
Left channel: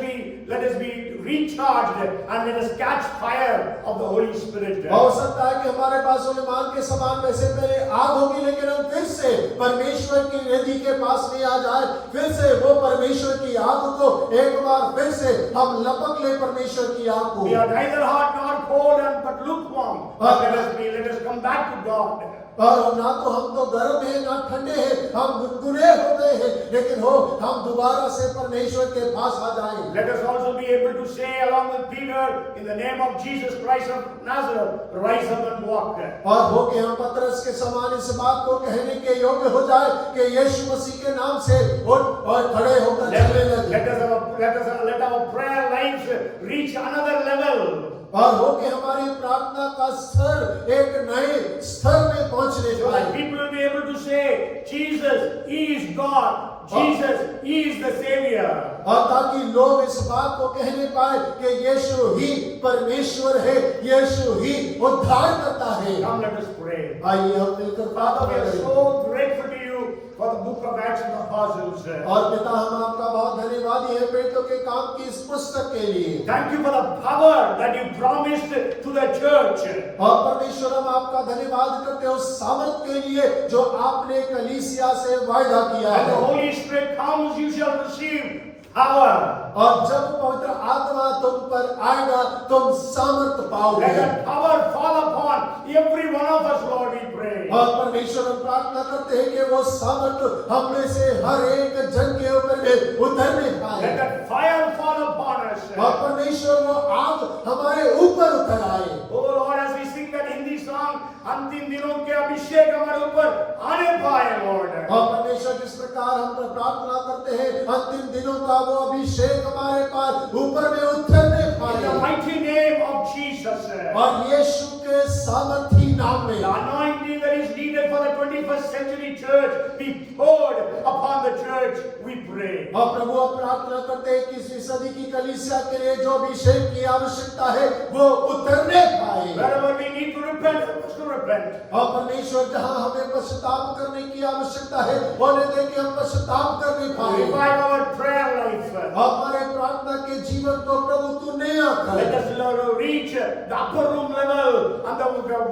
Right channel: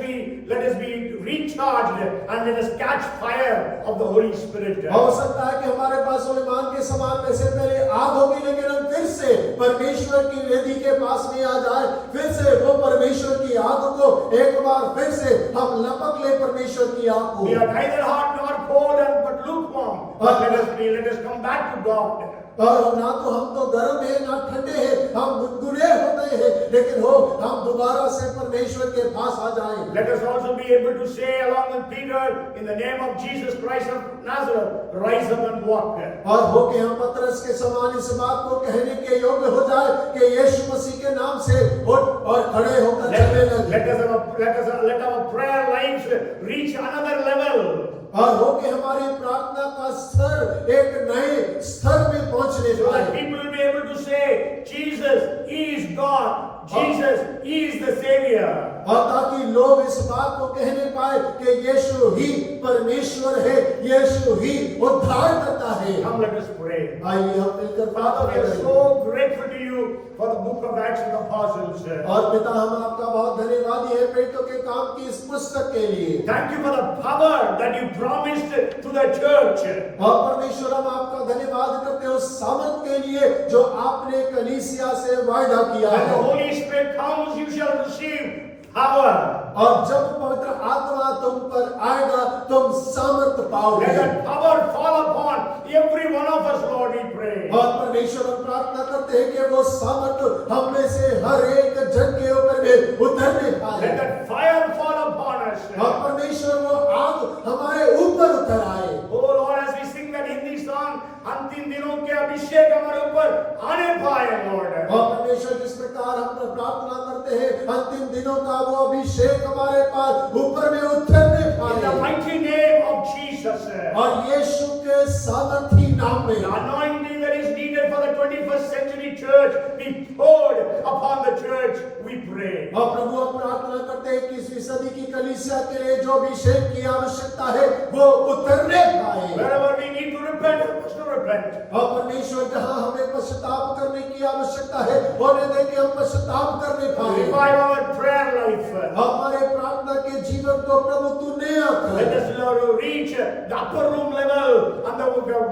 be recharged and let us catch fire of the Holy Spirit. हो सकता है कि हमारे पास सुलेमान के समान वैसे पहले आग होगी, लेकिन हम फिर से परमेश्वर की वेदी के पास नहीं आ जाए, फिर से वो परमेश्वर की आग को एक बार फिर से हम लपक ले परमेश्वर की आग को। We are neither hot nor cold but lukewarm. But let us come back to God. और ना तो हम तो गर्म है ना ठंडे हैं, हम गुनगुने हो गए हैं, लेकिन हो हम दोबारा से परमेश्वर के पास आ जाएं। Let us also be able to say along with Peter, in the name of Jesus Christ of Nazareth, rise up and walk. और हो के हम पतरस के समान इस बात को कहने के योग्य हो जाए कि यीशु मसीह के नाम से उठ और खड़े होकर चलने लगे। Let our prayer lives reach another level. और हो के हमारी प्रार्थना का स्तर एक नए स्तर में पहुंचने So that जाए। people will be able to say, Jesus is God. Jesus is the Savior. और ताकि लोग इस बात को कहने पाए कि यीशु ही परमेश्वर है, यीशु ही उद्धार करता है। Come, let us pray. आइए हम मिलकर Father, we are प्रार्थना करें। so grateful to you for the book of Acts of the Apostles. और पिता, हम आपका बहुत धन्यवादी है पेटों के काम की इस पुस्तक के लिए। Thank you for the power that you promised to the church. और परमेश्वर, हम आपका धन्यवाद करते हैं उस सामर्थ के लिए जो आपने कलीसिया से वायदा किया When the है। Holy Spirit comes, you shall receive power. और जब पवित्र आत्मा तुम पर आएगा, तुम सामर्थ पाओगे। Let that power fall upon every one of us, Lord, we pray. और परमेश्वर, हम प्रार्थना करते हैं कि वो सामर्थ हम में से हर एक जन के ऊपर में उतरने पाए। Let that fire fall upon us. और परमेश्वर, वो आग हमारे ऊपर उतर आए। Oh Lord, as we sing that Hindi song, अंतिम दिनों के अभिषेक हमारे ऊपर आने पाए, Lord. और परमेश्वर, जिस प्रकार हम प्रार्थना करते हैं अंतिम दिनों का वो अभिषेक हमारे पास ऊपर में उतरने In the पाए। mighty name of Jesus. और यीशु के सामर्थी नाम में The anointing that is needed for the 21st century church be poured upon the church, we pray. और प्रभु, हम प्रार्थना करते हैं कि इस सदी की कलीसिया के लिए जो अभिषेक की आवश्यकता है वो उतरने पाए। Wherever we need to repent, help us to repent. और परमेश्वर, जहां हमें पश्चाताप करने की आवश्यकता है, होने दे कि हम पश्चाताप करने पाए। Revive our prayer life. हमारे प्रार्थना के जीवन को प्रभु तू नया Let कर। us reach the upper room level and the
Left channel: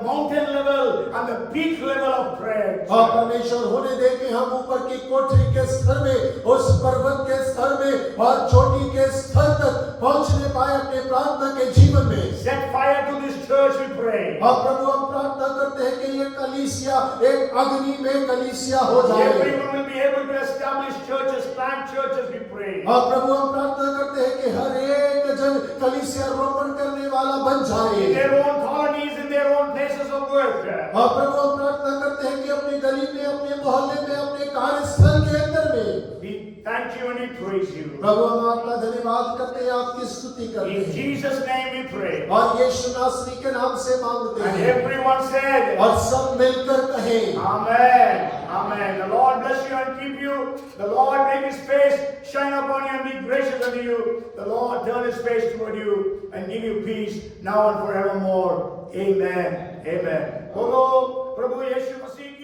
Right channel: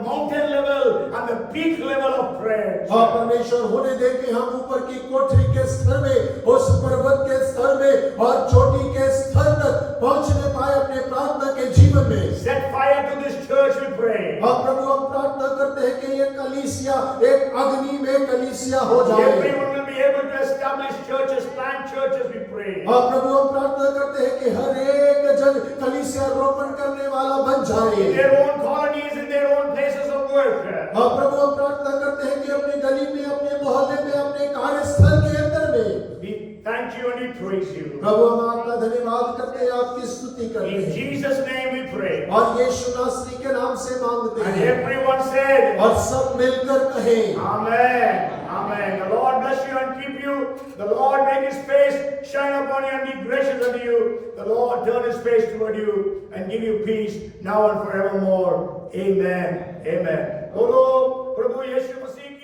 mountain level and the peak level of prayer. और परमेश्वर, होने दे कि हम ऊपर की कोठरी के स्तर में, उस पर्वत के स्तर में और चोटी के स्तर तक पहुंचने पाए अपने प्रार्थना के जीवन में। Set fire to this church, we pray. और प्रभु, हम प्रार्थना करते हैं कि ये कलीसिया एक अग्नि में कलीसिया हो जाए। Everyone will be able to establish churches, plant churches, we pray. और प्रभु, हम प्रार्थना करते हैं कि हर एक जन कलीसिया रोपण करने वाला बन जाए। In their own colonies, in their own places of work. और प्रभु, हम प्रार्थना करते हैं कि अपनी गली में, अपने मोहल्ले में, अपने कार्यस्थल के अंदर में We thank you and we praise you. प्रभु, हम आपका धन्यवाद करते हैं, आपकी स्तुति करते In हैं Jesus' name we pray. और यीशु नासरी के नाम से मांगते And हैं। everyone said, और सब मिलकर कहें Amen. Amen. The Lord bless you and keep you. The Lord make his face shine upon you and be gracious unto you. The Lord turn his face toward you and give you peace now and forevermore. Amen. Amen. बोलो प्रभु यीशु मसीह